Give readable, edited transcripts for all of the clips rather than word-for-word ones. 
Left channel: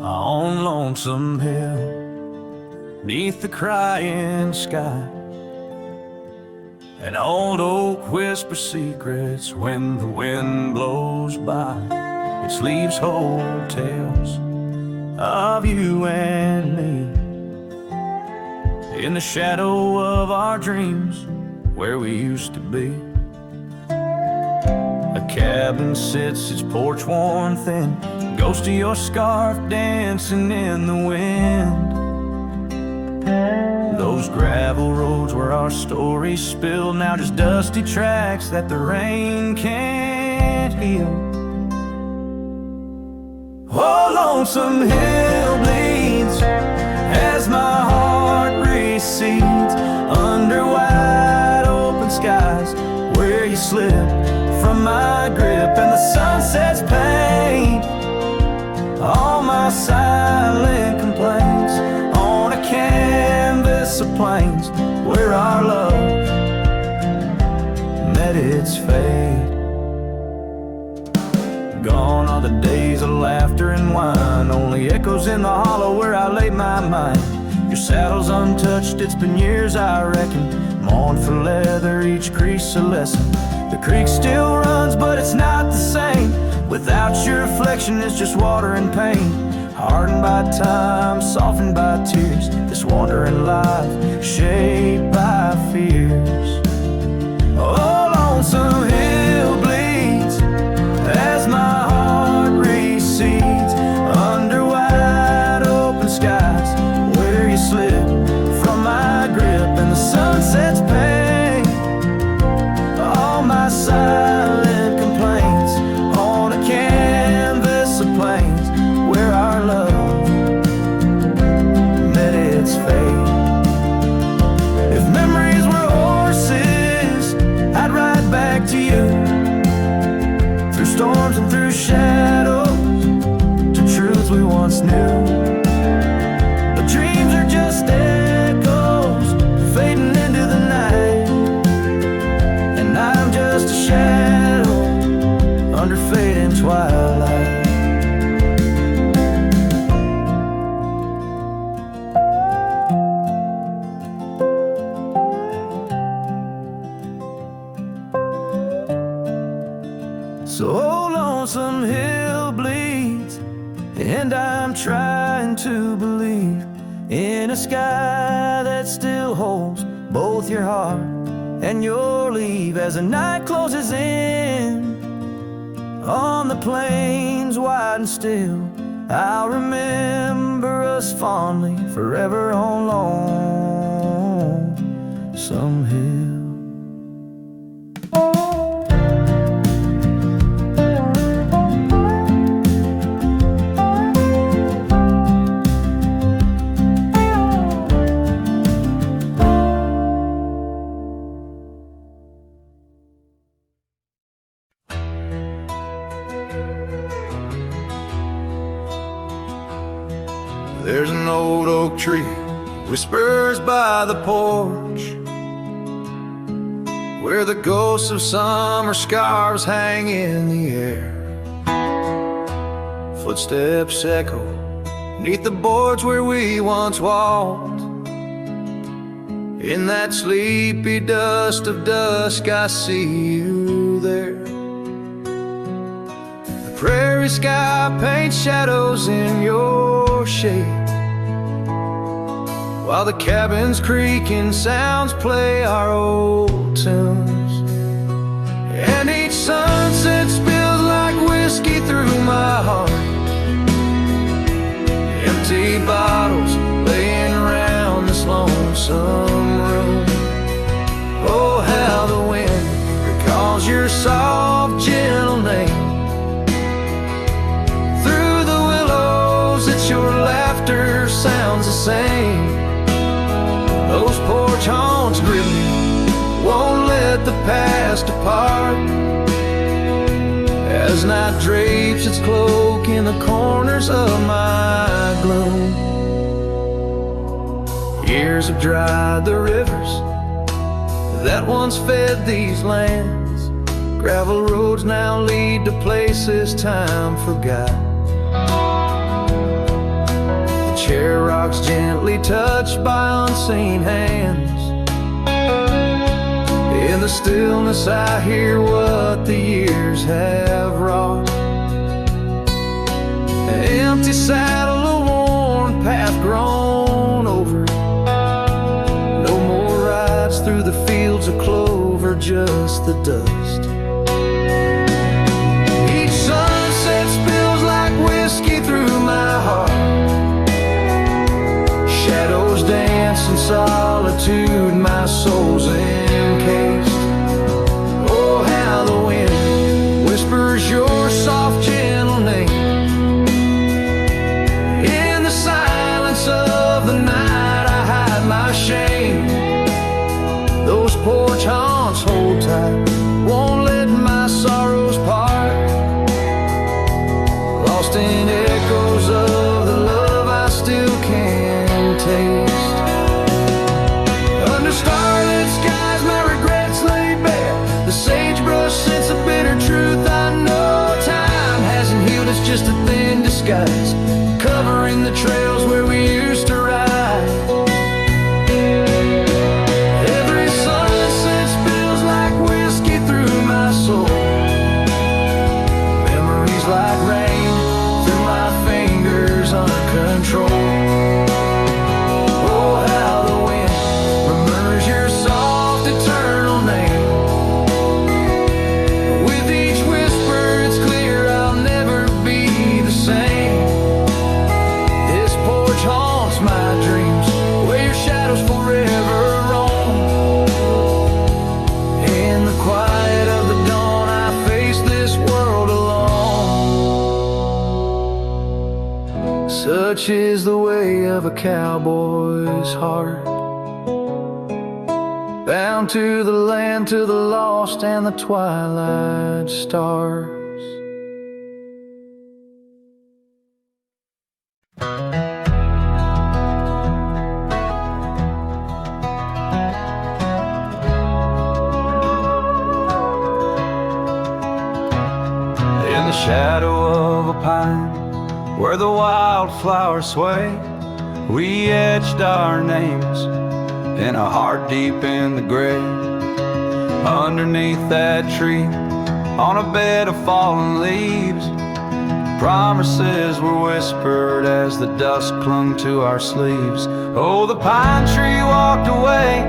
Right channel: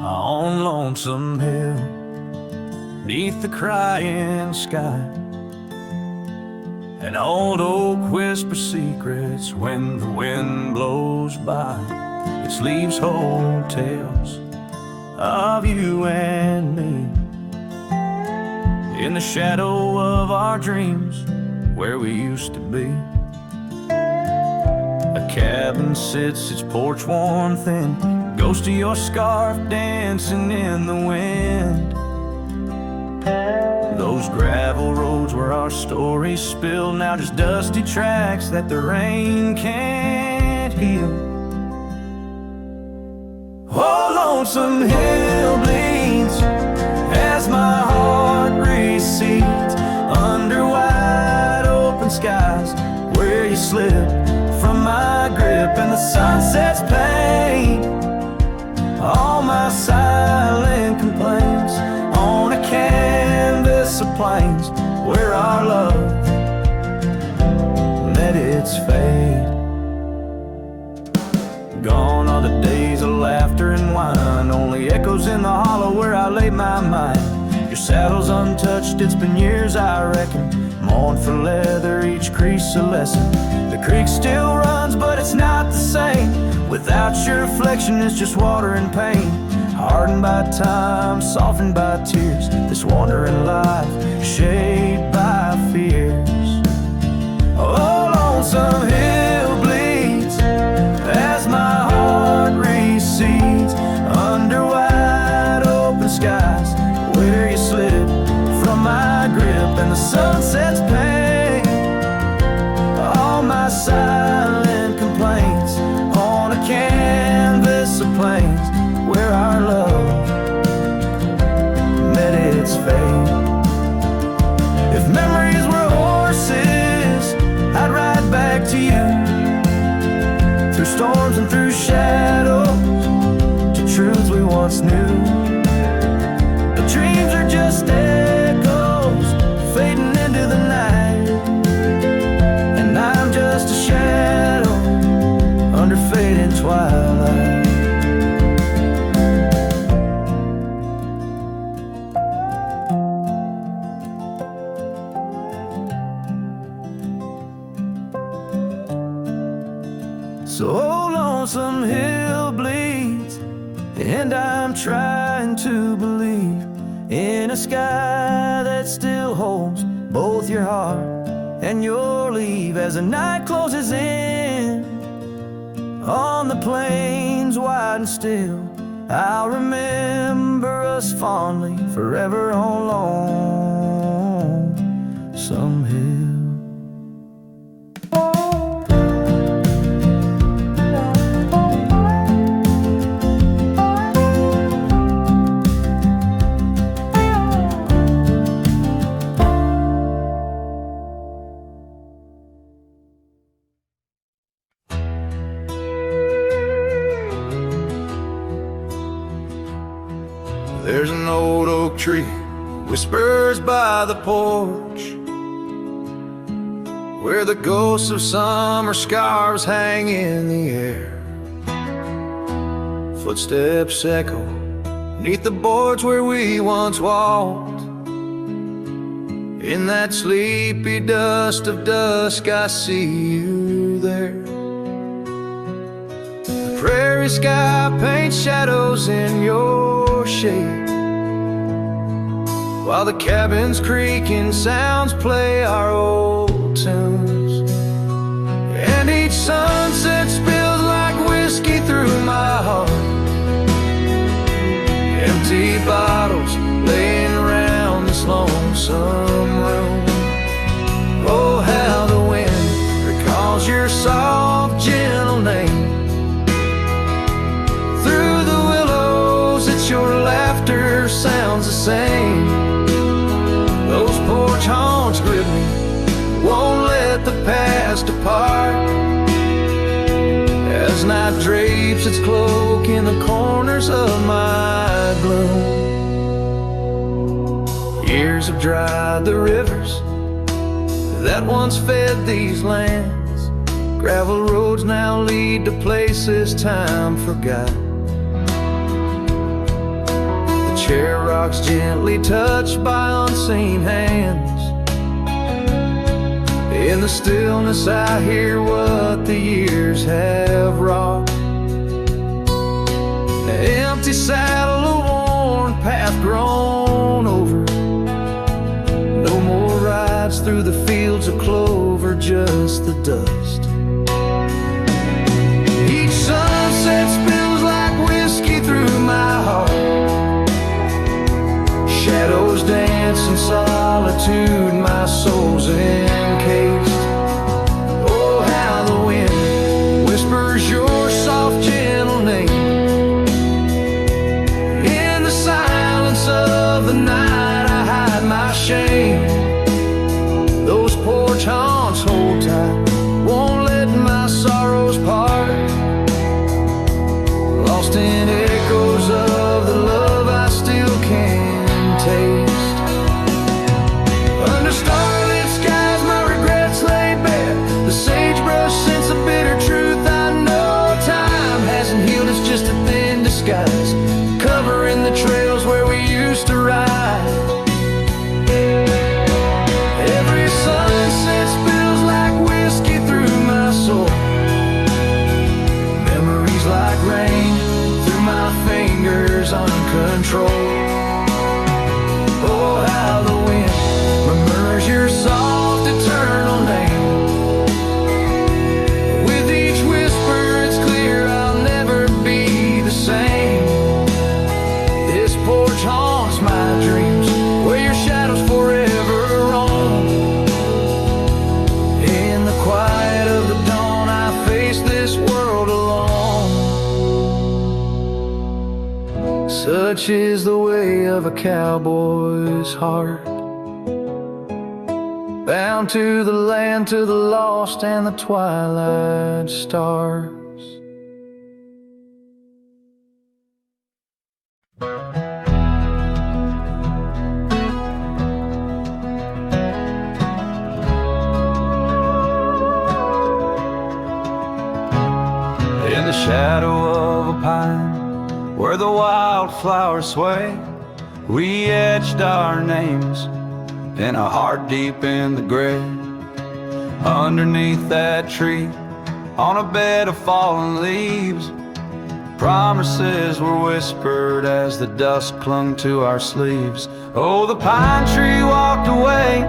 On Lonesome Hill, neath the crying sky, an old oak whispers secrets when the wind blows by. Its leaves hold tales of you and me, in the shadow of our dreams where we used to be. A cabin sits, its porch worn thin, ghost of your scarf dancing in the wind. Those gravel roads where our stories spilled, now just dusty tracks that the rain can't heal. Oh, Lonesome Hill bleeds as my heart recedes under wide open skies where you slip from my grip and the sunset's pain. All my silent complaints on a canvas of plains where our love met its fate. Gone are the days of laughter and wine, only echoes in the hollow where I lay my mind. Your saddle's untouched, it's been years I reckon, mourn for leather, each crease a lesson. The creek still runs but it's not the same, without your reflection it's just water and pain. Hardened by time, softened by tears, this wandering life shaped by fears. Oh, Lonesome Hill bleeds as my heart recedes under wide open skies where you slip from my grip and the sunset's pain. All my silent complaints on a canvas of plains where our love met its fate. If memories were horses, I'd ride back to you, through storms and through shadows, to truths we once knew. But dreams are just echoes fading into the night, and I'm just a shadow under fading twilight. So Lonesome Hill bleeds, and I'm trying to believe in a sky that still holds both your heart and your leave. As the night closes in on the plains wide and still, I'll remember us fondly forever on Lonesome Hill. There's an old oak tree, whispers by the porch, where the ghosts of summer scarves hang in the air. Footsteps echo neath the boards where we once walked. In that sleepy dust of dusk, I see you there. The prairie sky paints shadows in your shade, while the cabin's creaking sounds play our old tunes. And each sunset spills like whiskey through my heart, empty bottles laying around this lonesome room. Oh, how the wind recalls your soft, gentle name. Through the willows, it's your laughter sounds the same. Those porch haunts grip me, won't let the past depart, as night drapes its cloak in the corners of my gloom. Years have dried the rivers that once fed these lands. Gravel roads now lead to places time forgot. The chair rocks gently touched by unseen hands. In the stillness I hear what the years have wrought. An empty saddle, a worn path grown over. No more rides through the fields of clover, just the dust. Each sunset spills like whiskey through my heart. Shadows dance in solitude, my soul's encased. Oh, how the wind whispers your soft, gentle name. In the silence of the night I hide my shame. Those porch haunts hold tight, won't let my sorrows part. Lost in echoes of the love I still can taste. Under starlit skies my regrets lay bare. The sagebrush scents a bitter truth I know. Time hasn't healed, it's just a thin disguise, covering the trails where we used to ride. Every sunset spills like whiskey through my soul. Memories like rain through my fingers uncontrolled. Oh, how the wind murmurs your soft eternal name. With each whisper it's clear I'll never be the same. This porch haunts my dreams, where your shadows forever roam. In the quiet of the dawn I face this world alone. Such is the way of a cowboy's heart, bound to the land, to the lost and the twilight stars. In the shadow of a pine, where the wildflowers sway, we etched our names in a heart deep in the grave. Underneath that tree, on a bed of fallen leaves, promises were whispered as the dust clung to our sleeves. Oh, the pine tree walked away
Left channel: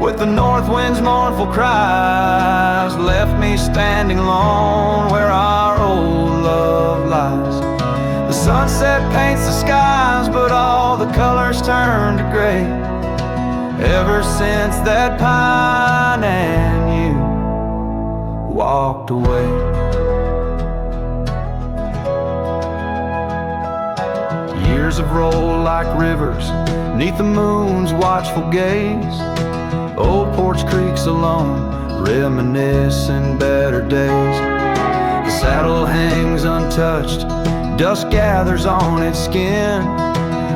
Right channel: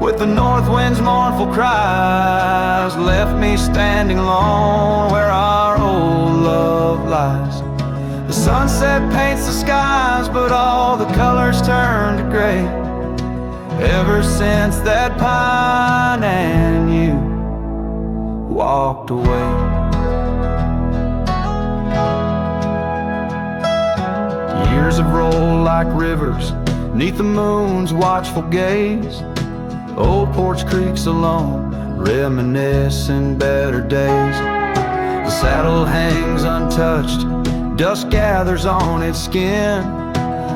with the north wind's mournful cries, left me standing alone where our old love lies. The sunset paints the skies, but all the colors turn to gray. Ever since that pine and you walked away. Years have rolled like rivers neath the moon's watchful gaze. Old Porch Creek's alone, reminiscing better days. The saddle hangs untouched, dust gathers on its skin,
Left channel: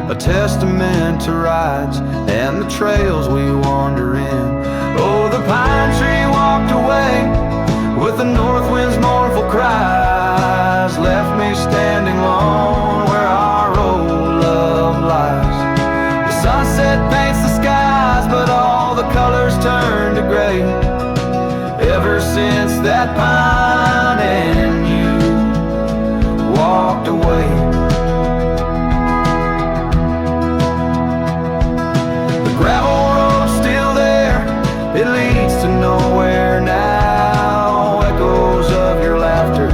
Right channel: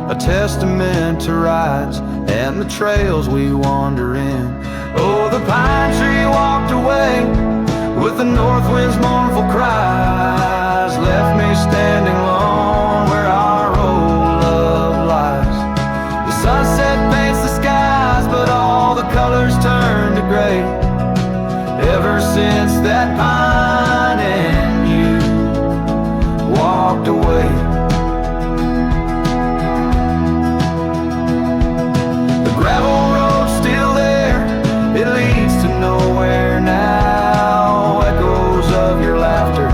a testament to rides and the trails we wander in. Oh, the pine tree walked away with the north wind's mournful cries, left me standing alone where our old love lies. The sunset paints the skies, but all the colors turn to gray. Ever since that pine and you walked away. The gravel road's still there, it leads to nowhere now. Echoes of your laughter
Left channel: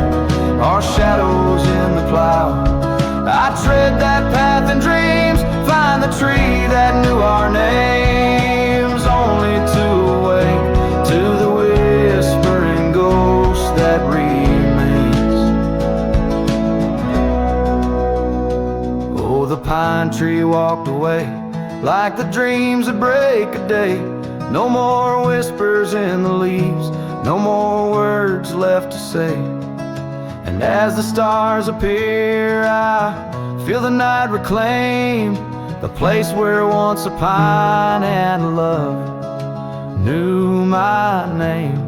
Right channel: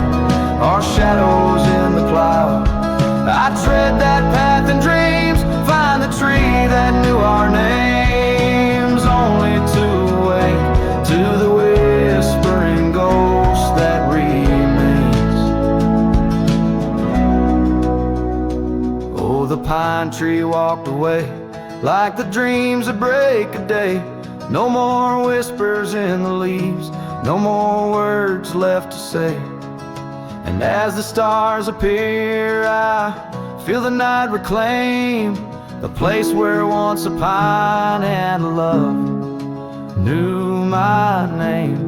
are shadows in the plow. I tread that path in dreams, find the tree that knew our names, only to awake to the whispering ghost that remains. Oh, the pine tree walked away like the dreams that break a day. No more whispers in the leaves, no more words left to say. And as the stars appear, I feel the night reclaim the place where once a pine and love knew my name.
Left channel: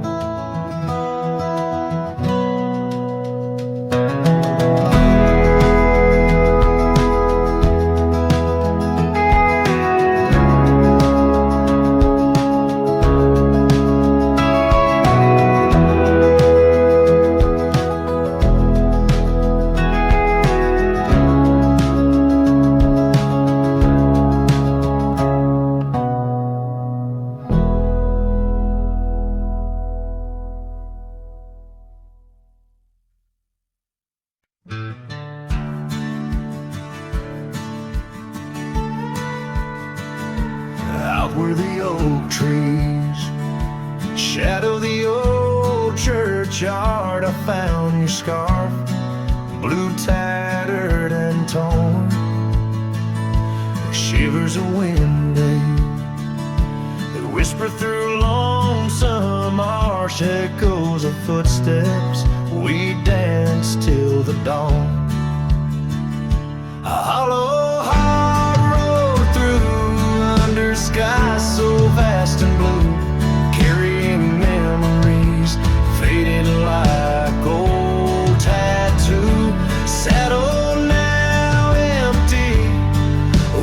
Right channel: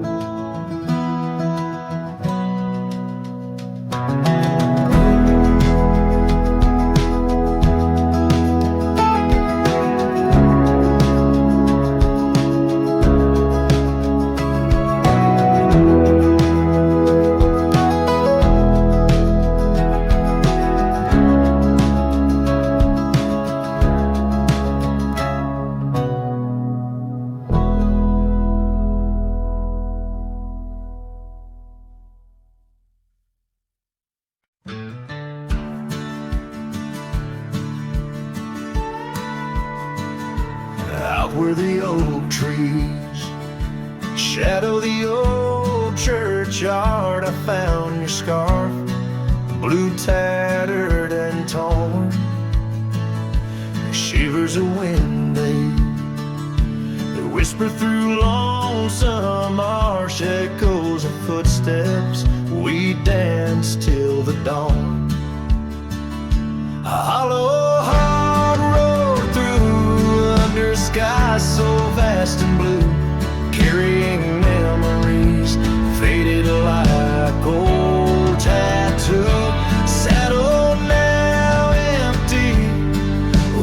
Out where the oak trees shadow the old churchyard, I found your scarf, blue, tattered and torn. Shivers of wind, they whisper through lonesome marsh, echoes of footsteps. We danced till the dawn. A hollow heart rolled through under skies so vast and blue, carrying memories faded like old tattoo. Saddle now empty,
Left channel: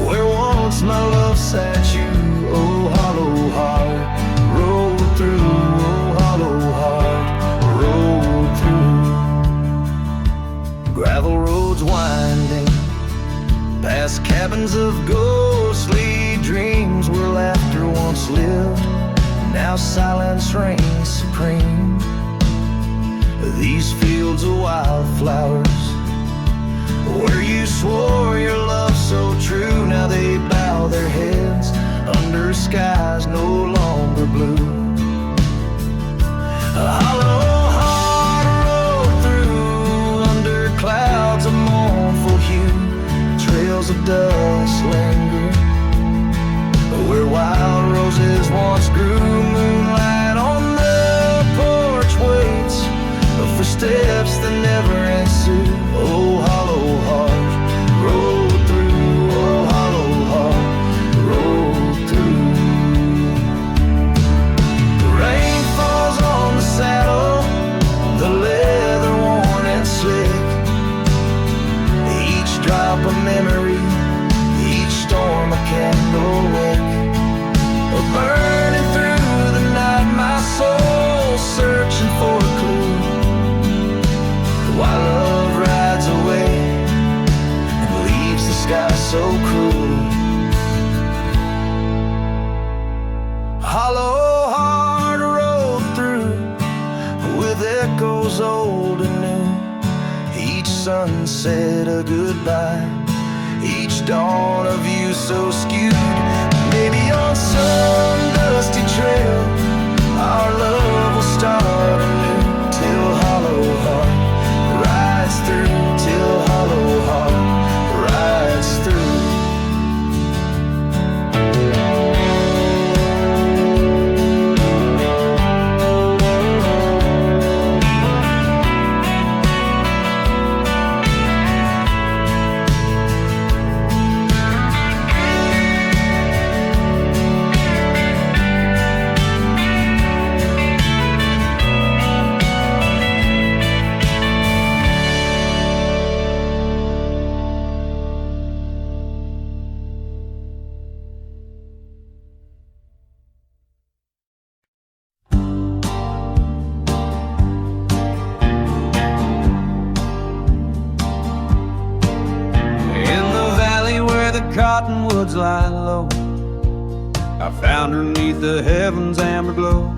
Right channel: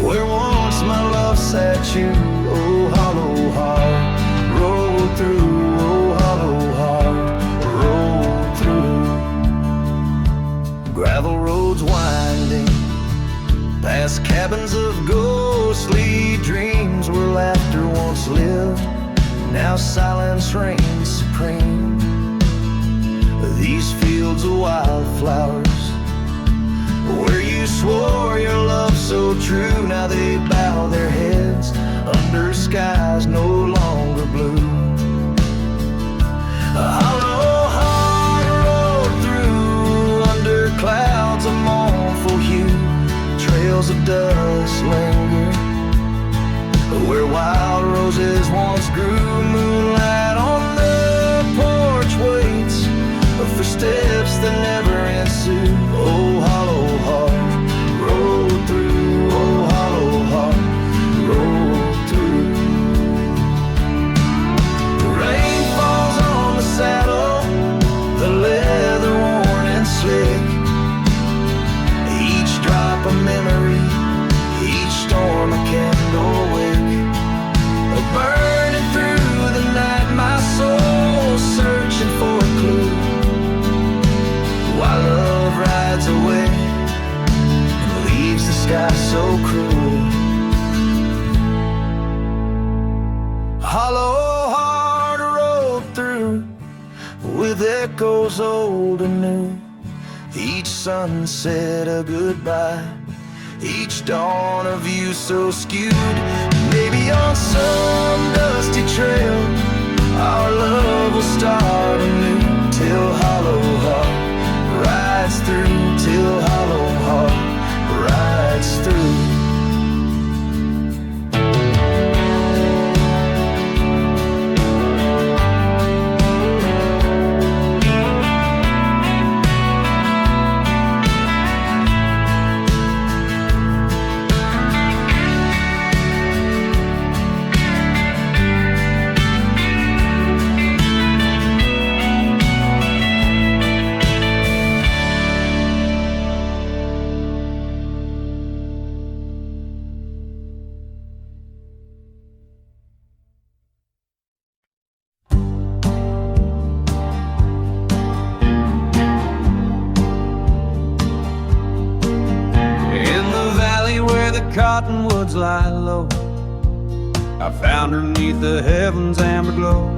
where once my love sat you. Oh, hollow heart rode through. Oh, hollow heart rode through. Gravel roads winding past cabins of ghostly dreams, where laughter once lived, now silence reigns supreme. These fields of wildflowers, where you swore your love so true, now they bow their heads under skies no longer blue. A hollow heart rode through under clouds of mournful hue. Trails of dust linger where wild roses once grew. Moonlight on the porch waits for steps that never ensue. Oh, hollow heart rode through. Oh, hollow heart rode through. The rain falls on the saddle, the leather worn and slick. Each drop a memory, each storm a candle wick. Burning through the night, my soul searching for a clue, while love rides away and leaves the sky so cruel. Hollow heart rode through with echoes old and new. Each sunset a goodbye, each dawn of you so skewed. Maybe on some dusty trail our love will start anew, till hollow heart rides through, till hollow heart rides through. Cottonwoods lie low, I found her 'neath the heavens' amber glow.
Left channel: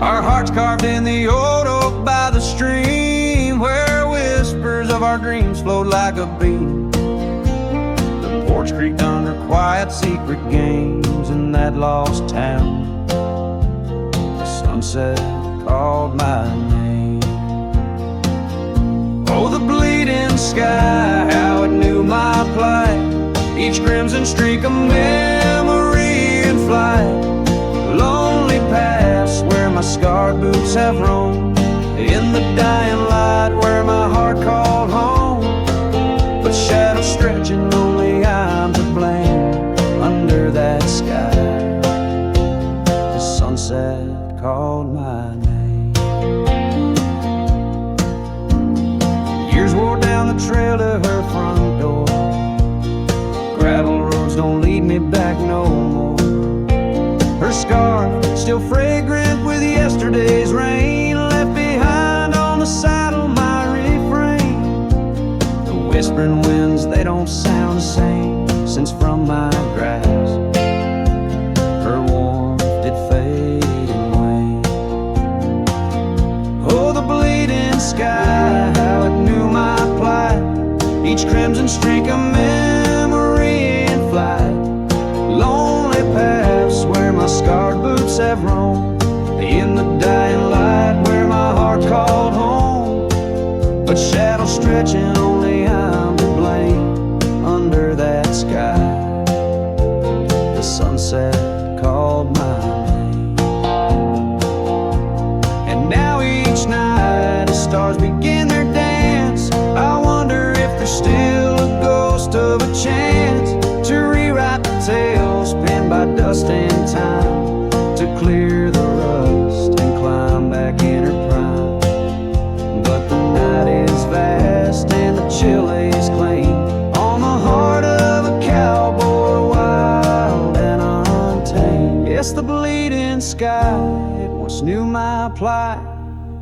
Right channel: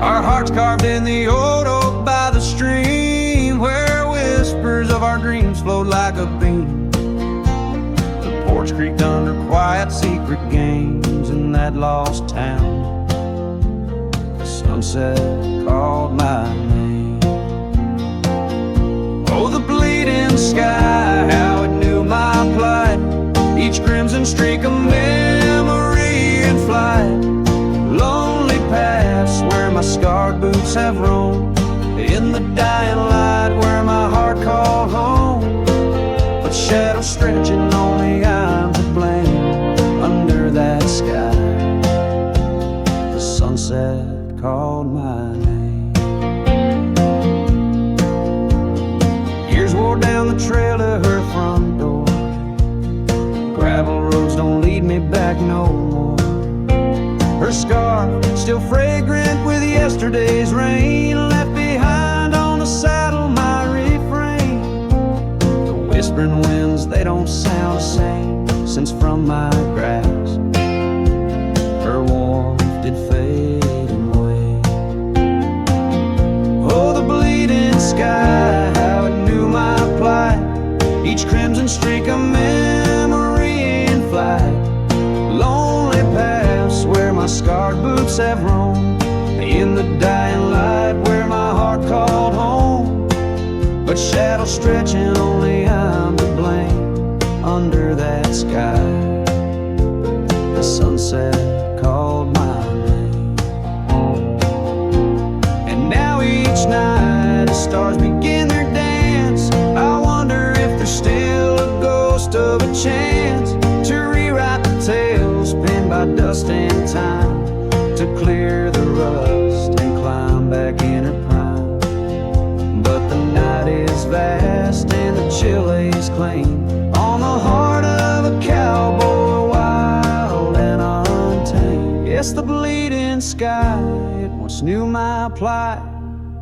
Our hearts carved in the old oak by the stream, where whispers of our dreams flowed like a beam. The porch creaked under quiet secret games in that lost town. The sunset called my name. Oh, the bleeding sky, how it knew my plight. Each crimson streak a memory in flight. Lonely paths where my scarred boots have roamed, in the dying light where my heart called home. A but shadows stretching, only I'm to blame. Under that sky, the sunset called my name. Years wore down the trail to her front door. Gravel roads don't lead me back no more. Her scarf still fragrant with yesterday's rain, left behind on the saddle my refrain. The whispering winds, they don't sound the same since from my grasp her warmth did fade and wane. Oh, the bleeding sky, how it knew my plight, each crimson streak a memory in flight. Lonely paths where my scarred boots have roamed, in the dying light where my heart called home. But shadows stretching, only I'm to blame. Under that sky, the sunset called my name. And now each night as stars begin their dance, I wonder if there's still a ghost of a chance to rewrite the tales penned by dust and time, to clear the rust and climb back in her prime. But the night is vast and the chill lays claim on the heart of a cowboy, wild and untamed. Yes, the bleeding sky, it once knew my plight,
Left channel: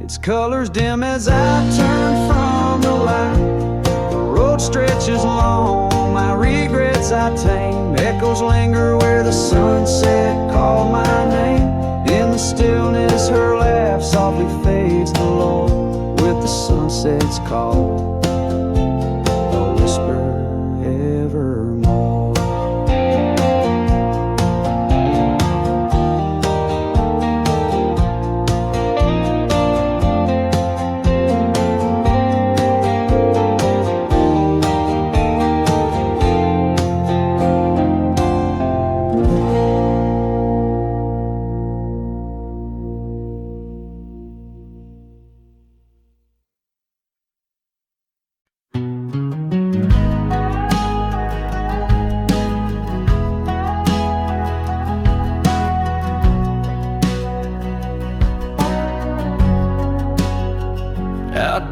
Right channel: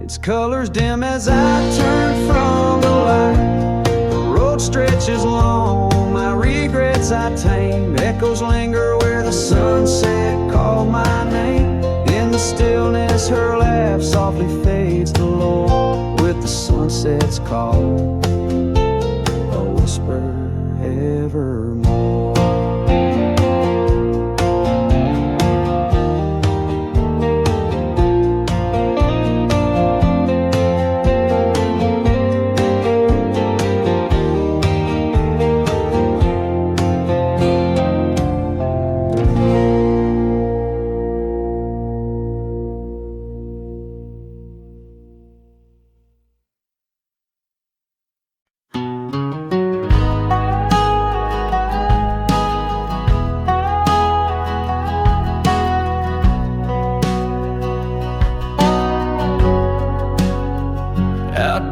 its colors dim as I turn from the light. The road stretches long, my regrets I tame. Echoes linger where the sunset called my name. In the stillness her laugh softly fades to low, with the sunset's call a whisper evermore.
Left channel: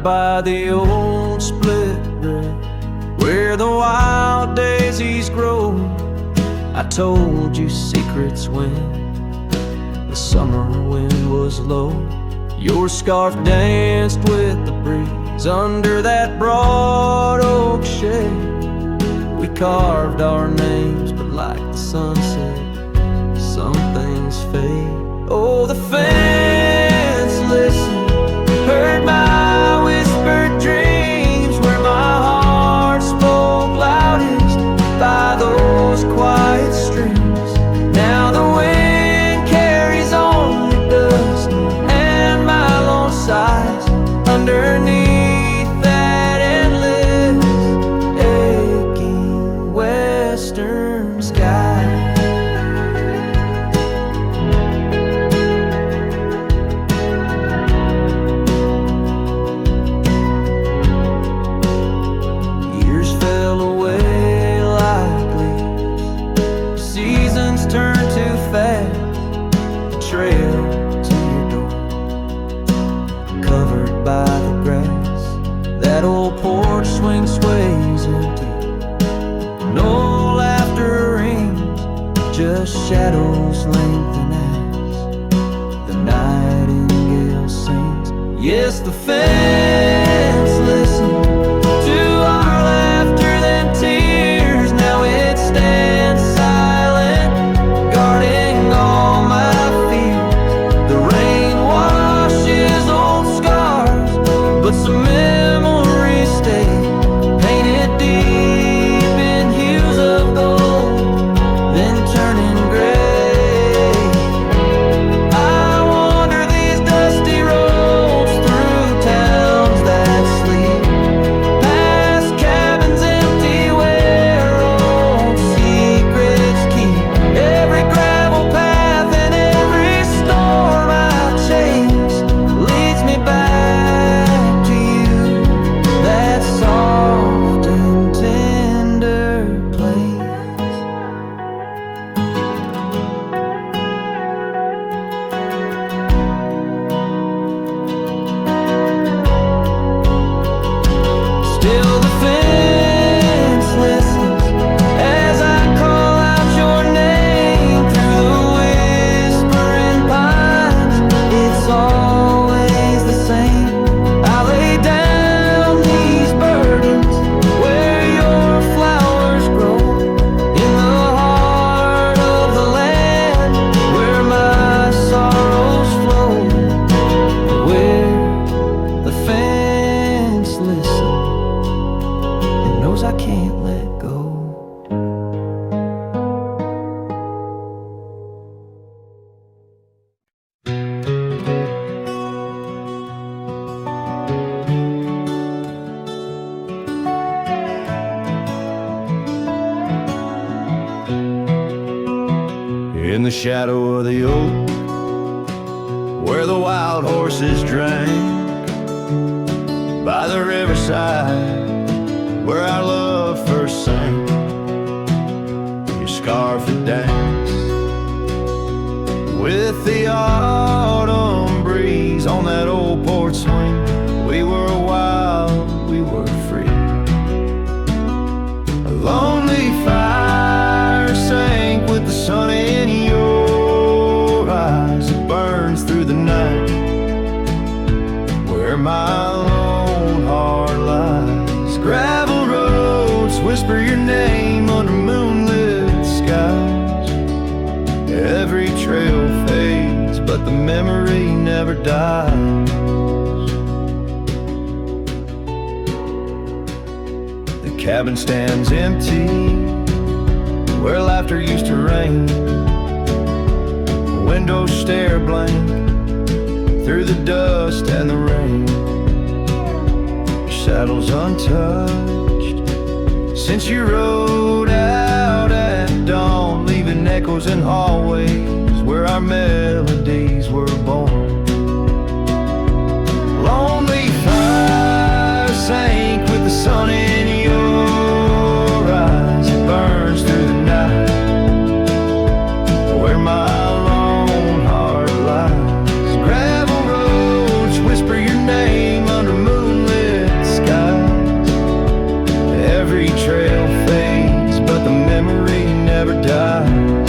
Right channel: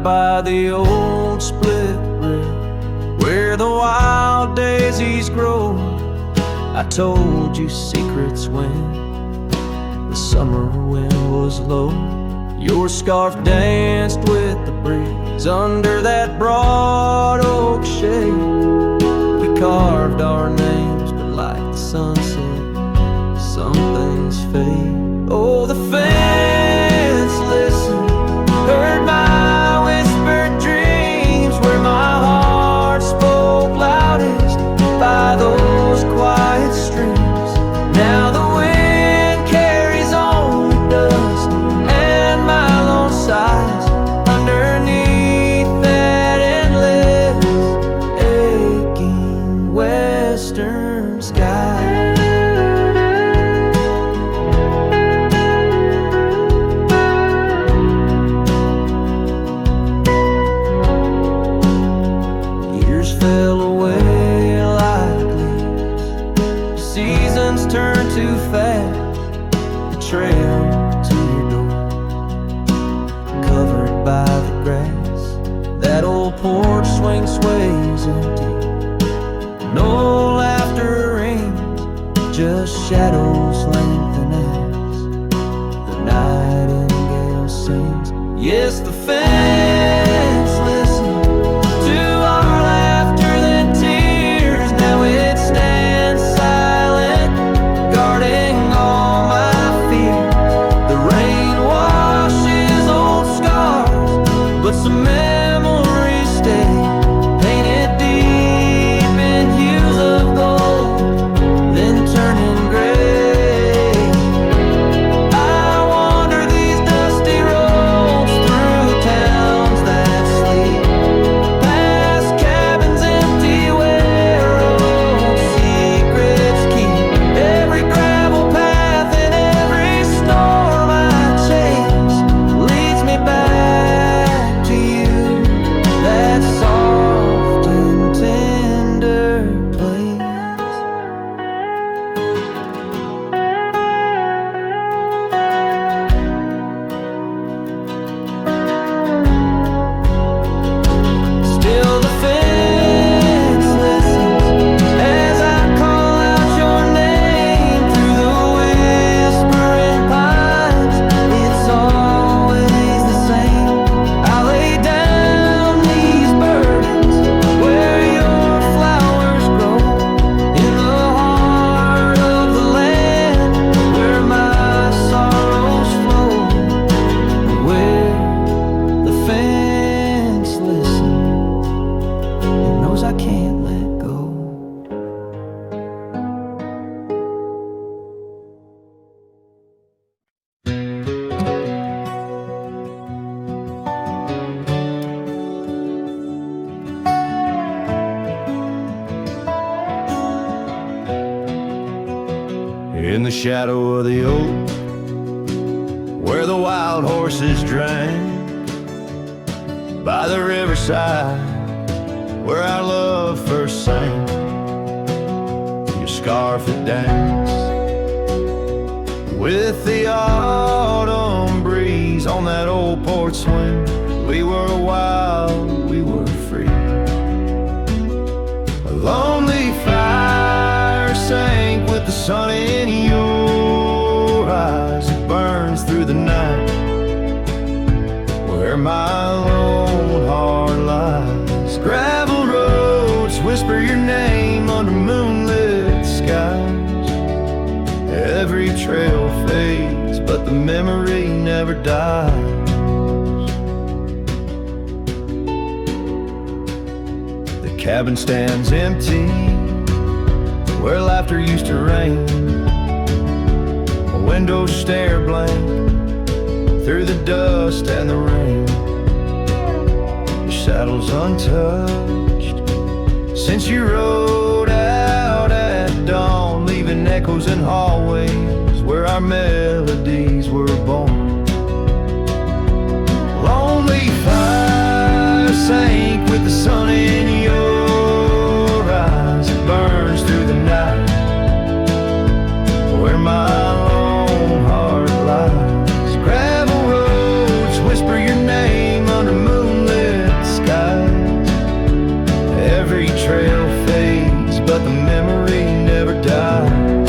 By the old split rail where the wild daisies grow, I told you secrets when the summer wind was low. Your scarf danced with the breeze under that broad oak shade. We carved our names, but like the sunset, some things fade. Oh, the fence listened, heard my whispered dreams, where my heart spoke loudest by those quiet streams. Now the wind carries only dust and my lone sighs underneath that endless aching western sky. Fell away like leaves, seasons turn too fast. The trail to your door, covered by the grass. That old porch swing sways empty, no laughter rings, just shadows lengthen as the nightingale sings. Yes, the fence listens to our laughter than tears. Now it stands silent, guarding all my fears. The rain washes old scars, but some memories stay, painted deep in hues of gold, then turning gray. I wander these dusty roads through towns that sleep, in the shadow of the oak, where the wild horses drank, by the riverside, where our love first sang. Your scarf it danced with the autumn breeze on that old porch swing. We were wild, we were free. A lonely fire sank with the sun in your eyes. It burns through the night where my lone heart lies. Gravel roads whisper your name under moonlit skies. Every trail fades, but the memory never dies. The cabin stands empty where laughter used to rain. Windows stare blank through the dust and the rain. Your saddle's untouched since you rode out at dawn, leaving echoes in hallways where our melodies were born. Lonely fire sank with the sun in your eyes. It burns through the night where my lone heart lies. Gravel roads whisper your name under moonlit skies. Every trail fades, but the memory never dies.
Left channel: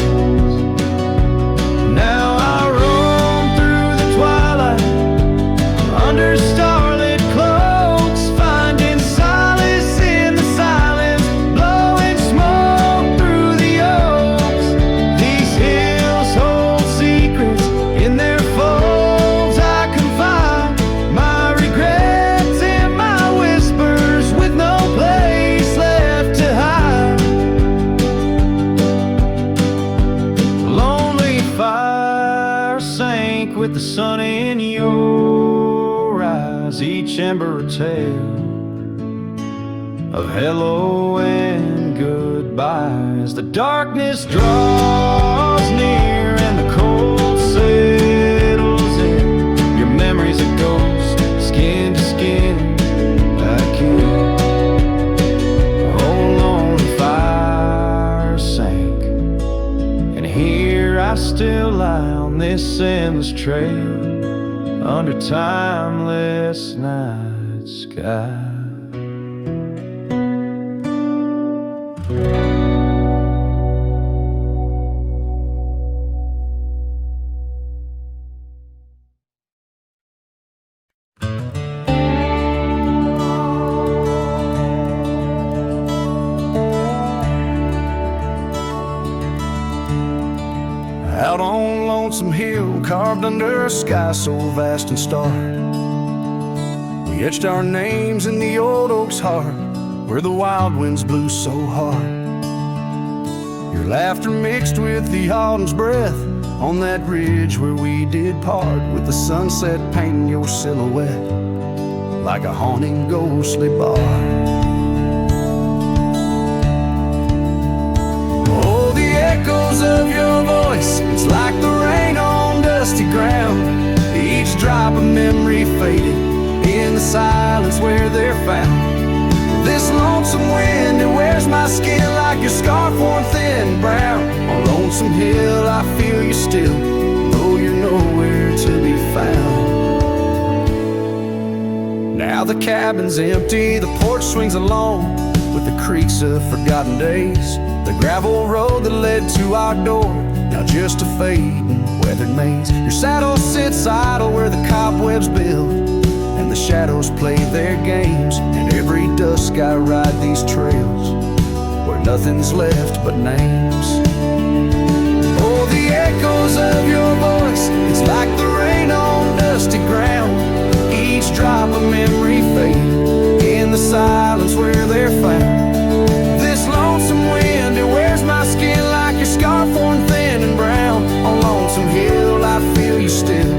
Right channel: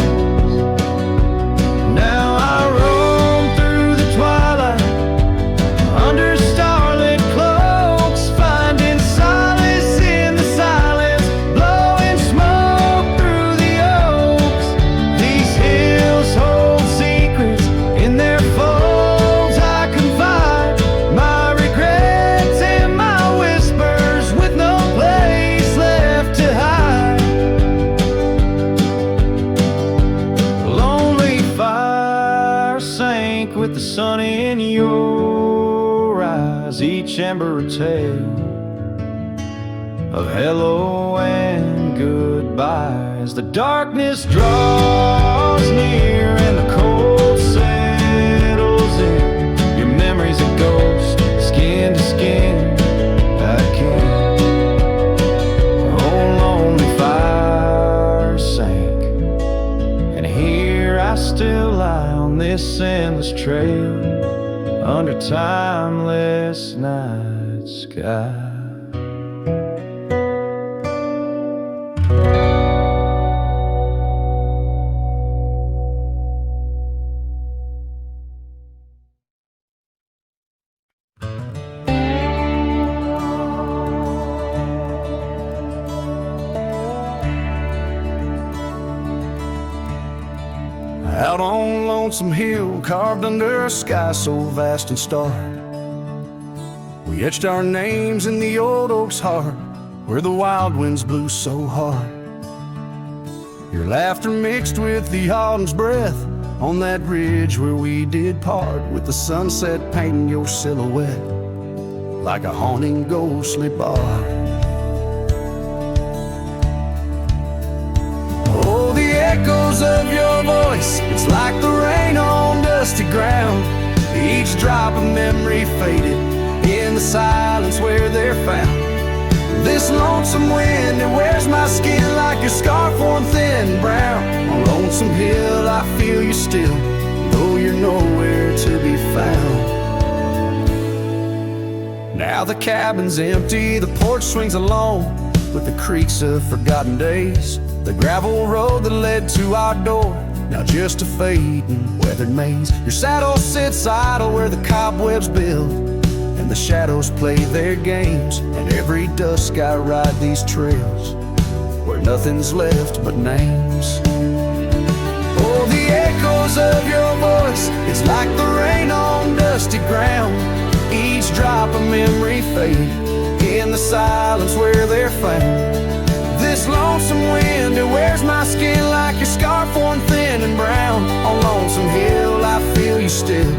Now I roam through the twilight under starlit cloaks, finding solace in the silence, blowing smoke through the oaks. These hills hold secrets in their folds. I confide my regrets and my whispers with no place left to hide. Lonely fire sank with the sun in your eyes. Each ember a tale of hello and goodbye. As the darkness draws near and the cold settles in, your memory's a ghost, skin to skin. I can't. Oh, lonely fire sank, and here I still lie on this endless trail under timeless night sky. Out on Lonesome Hill, carved under a sky so vast and stark, we etched our names in the old oak's heart, where the wild winds blew so hard. Your laughter mixed with the autumn's breath on that ridge where we did part, with the sunset painting your silhouette like a haunting ghostly bar. Oh, the echoes of your voice, it's like the rain on dusty ground. Each drop of memory faded in the silence where they're found. This lonesome wind, it wears my skin like your scarf worn thin brown. On Lonesome Hill I feel you still, though you're nowhere to be found. Now the cabin's empty, the porch swings alone with the creaks of forgotten days. The gravel road that led to our door, now just a fading weathered maze. Your saddle sits idle where the cobwebs build, and the shadows play their games. And every dusk I ride these trails where nothing's left but names. Oh, the echoes of your voice, it's like the rain on dusty ground. Each drop of memory faded in the silence where they're found. This lonesome wind, it wears my skin like your scarf worn thin and brown. On Lonesome Hill I feel you still,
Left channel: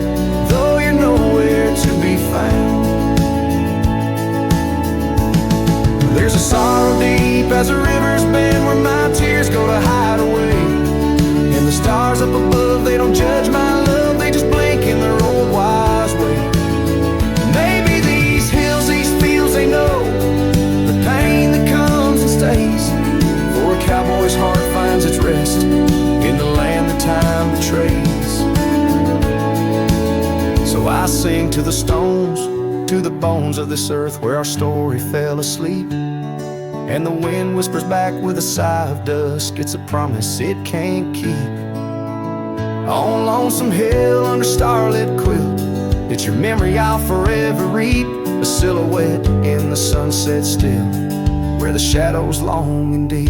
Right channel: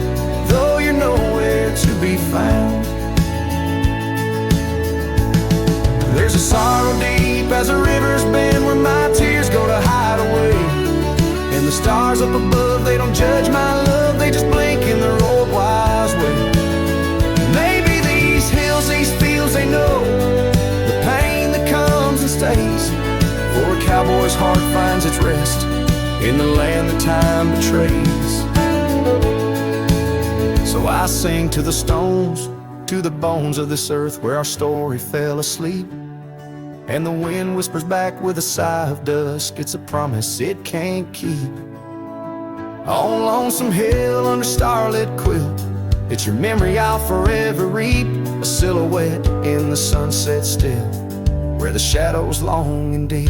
though you're nowhere to be found. There's a sorrow deep as the rivers bend, where my tears go to hide away. And the stars up above, they don't judge my love, they just blink in their old wise way. Maybe these hills, these fields, they know the pain that comes and stays. For a cowboy's heart finds its rest in the land that time betrays. So I sing to the stones, to the bones of this earth where our story fell asleep. And the wind whispers back with a sigh of dusk, it's a promise it can't keep. On Lonesome Hill under starlit quilt, it's your memory I'll forever reap. A silhouette in the sunset still, where the shadows long and deep.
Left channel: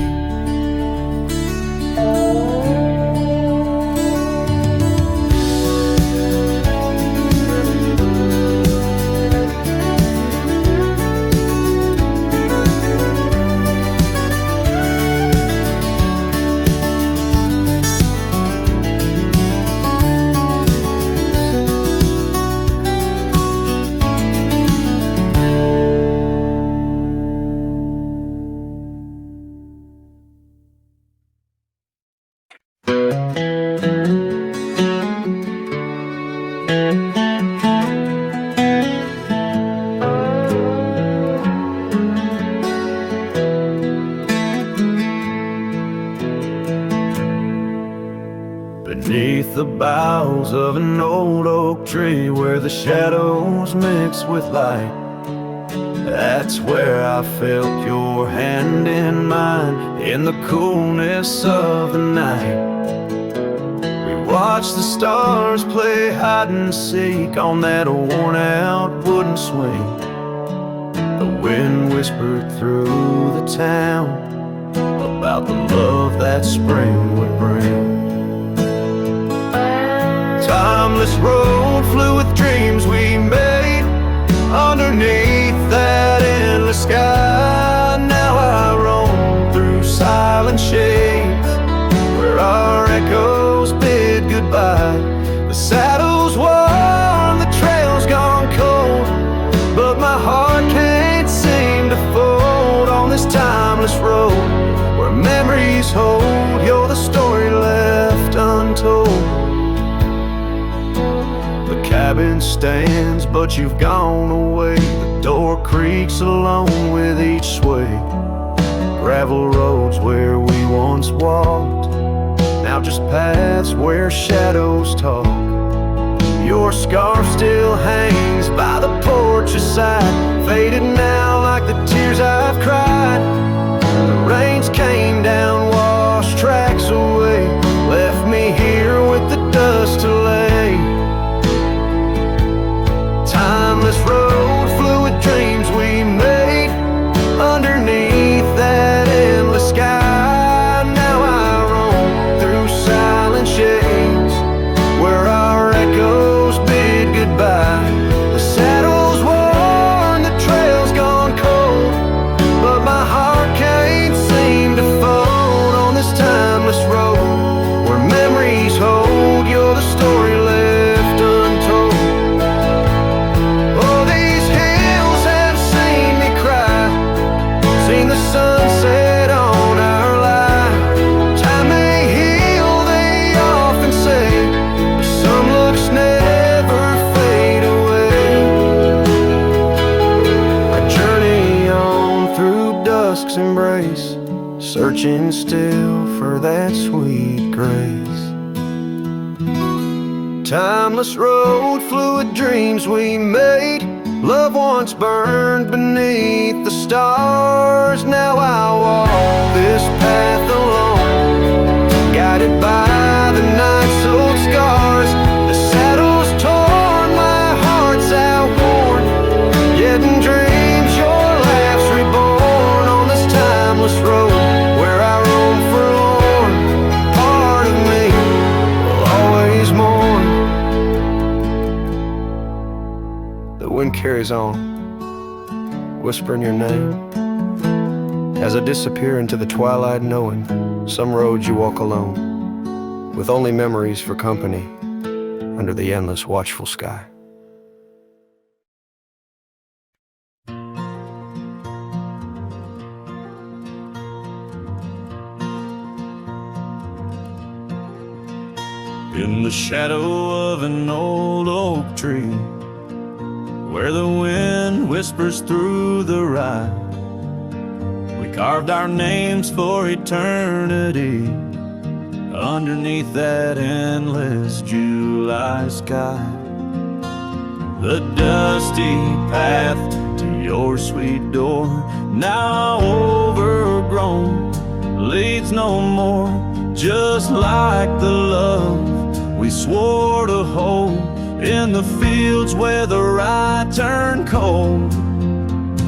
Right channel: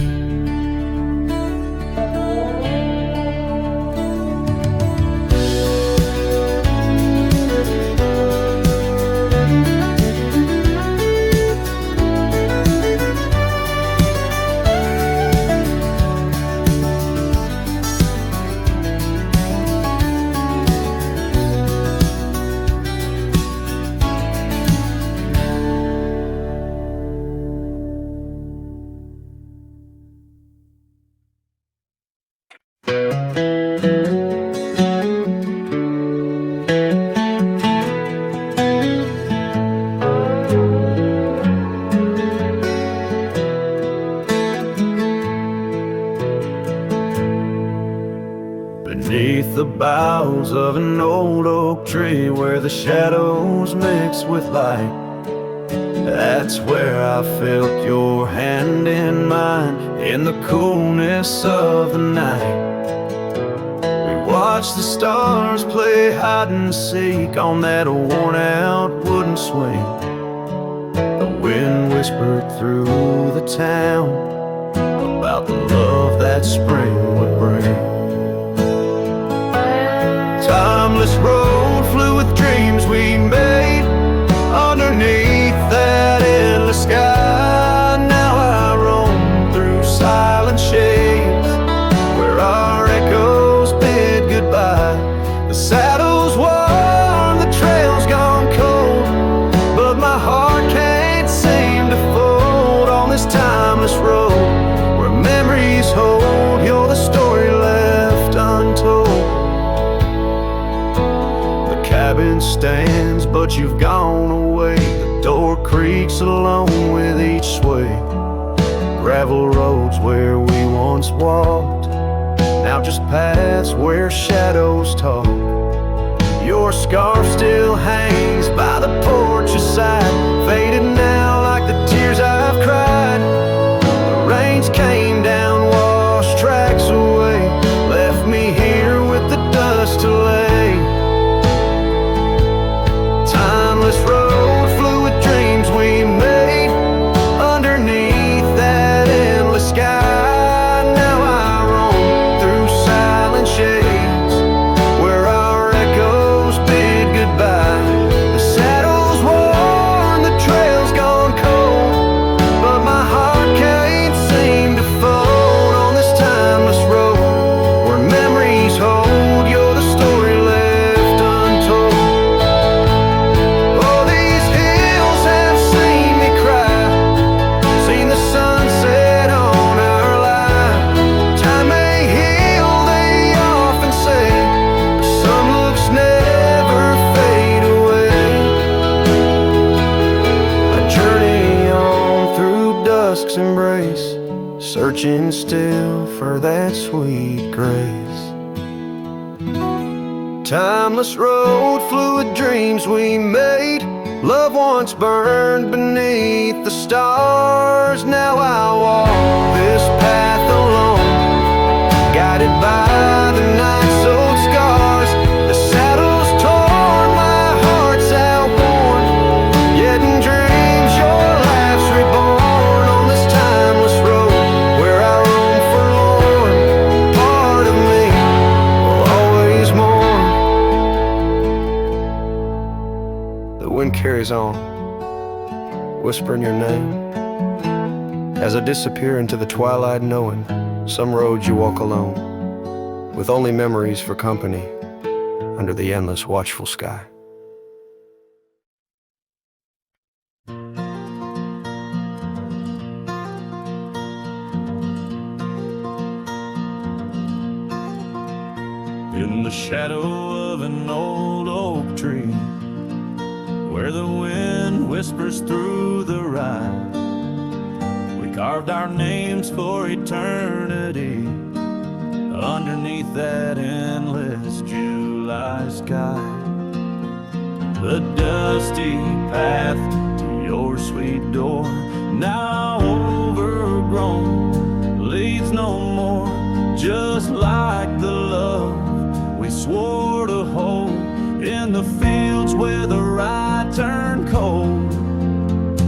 Beneath the boughs of an old oak tree where the shadows mix with light, that's where I felt your hand in mine in the coolness of the night. We watched the stars play hide and seek on that worn out wooden swing. The wind whispered through the town about the love that spring would bring. Timeless road flew with dreams we made underneath that endless sky. Now I roam through silent shades where our echoes bid goodbye. The saddle's worn, the trail's gone cold, but my heart can't seem to fold on this timeless road where memories hold. You're the story left untold. The cabin stands, but you've gone away. The door creaks alone with each sway. Gravel roads where we once walked, now just paths where shadows talk. Your scarf still hangs by the porch aside, faded now like the tears I've cried. The rains came down, washed tracks away, left me here with the dust to lay. Timeless road flew with dreams we made underneath that endless sky. Now I roam through silent shades where our echoes bid goodbye. The saddle's worn, the trail's gone cold, but my heart can't seem to fold on this timeless road where memories hold. You're the story left untold. Seen the sunset on our line. Time may heal, they often say. Some looks never fade away. I journey on through dusk's embrace, searching still for that sweet grace. Timeless road flew with dreams we made. Love once burned beneath the stars. Now I walk this path alone, guided by the night's old scars. The saddle's torn, my heart's outworn, yet in dreams your laugh's reborn on this timeless road where I roam forlorn. Part of me will always mourn. The wind carries on, whispering your name as I disappear into the twilight, knowing some roads you walk alone, with only memories for company under the endless watchful sky. in the shadow of an old oak tree, where the wind whispers through the rye. We carved our names for eternity underneath that endless July sky. The dusty path to your sweet door, now overgrown, leads no more, just like the love we swore to hold in the fields where the rye turned cold.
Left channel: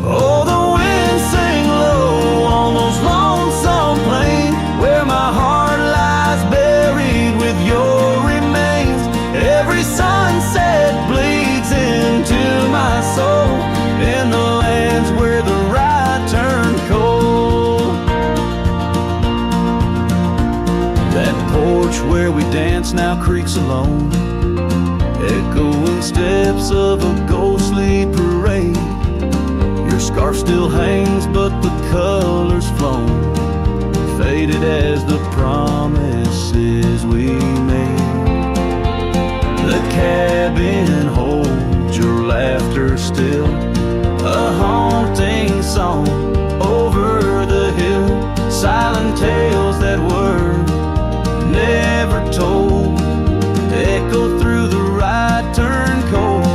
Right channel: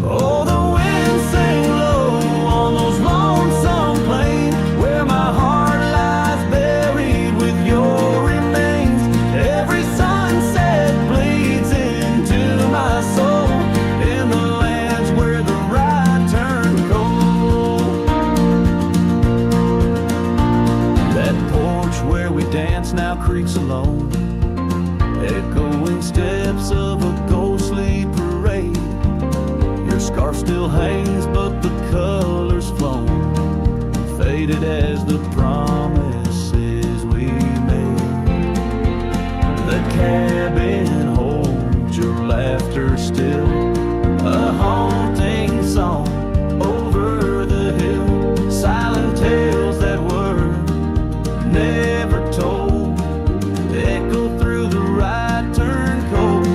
Oh, the wind sang low on those lonesome plains where my heart lies buried with your remains. Every sunset bleeds into my soul in the lands where the rye turned cold. That porch where we dance now creaks alone, echoing steps of a ghostly parade. Your scarf still hangs, but the color's flown, faded as the promises we made. The cabin holds your laughter still, a haunting song over the hill, silent tales that were never told, echo through the rye turn cold.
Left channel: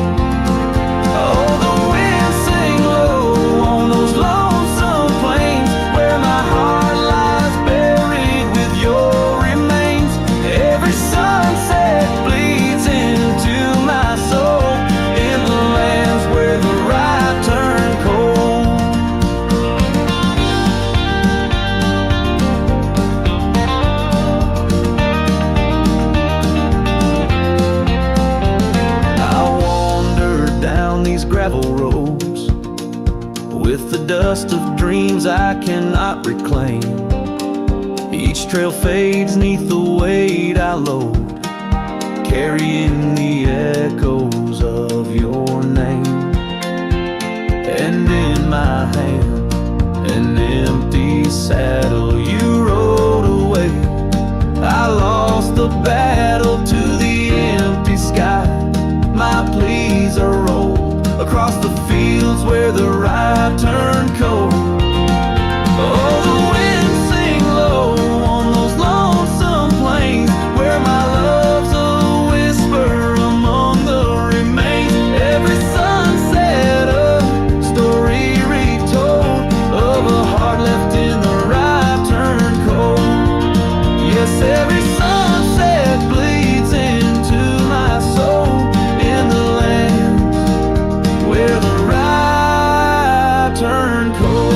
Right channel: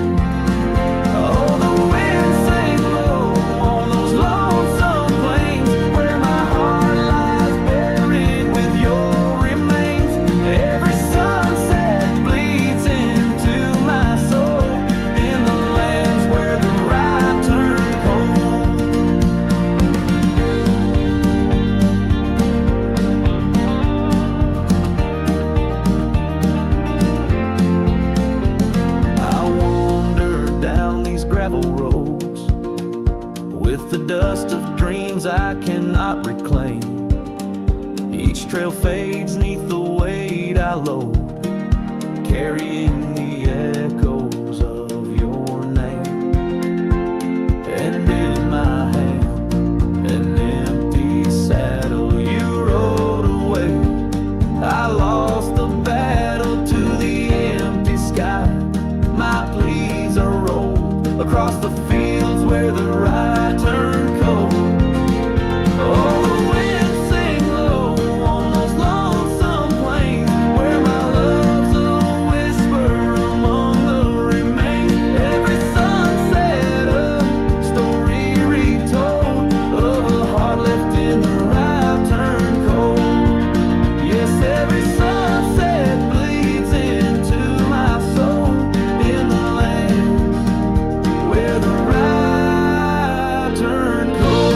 Oh, the wind sang low on those lonesome plains where my heart lies buried with your remains. Every sunset bleeds into my soul in the lands where the rye turn cold. Gravel roads with the dust of dreams I cannot reclaim. Each trail fades neath the weight I load, carrying the echoes of your name. And in my hand, an empty saddle you rode away. I lost the battle to the empty sky. My pleas are rolled across the fields where the rye turned cold. Oh, the wind sing low on those lonesome plains where my love's a whisper among the remains. Every sunset a story retold of a heart left in the rye turned cold. Yes, every sunset bleeds into my soul in the land where the rye turned cold.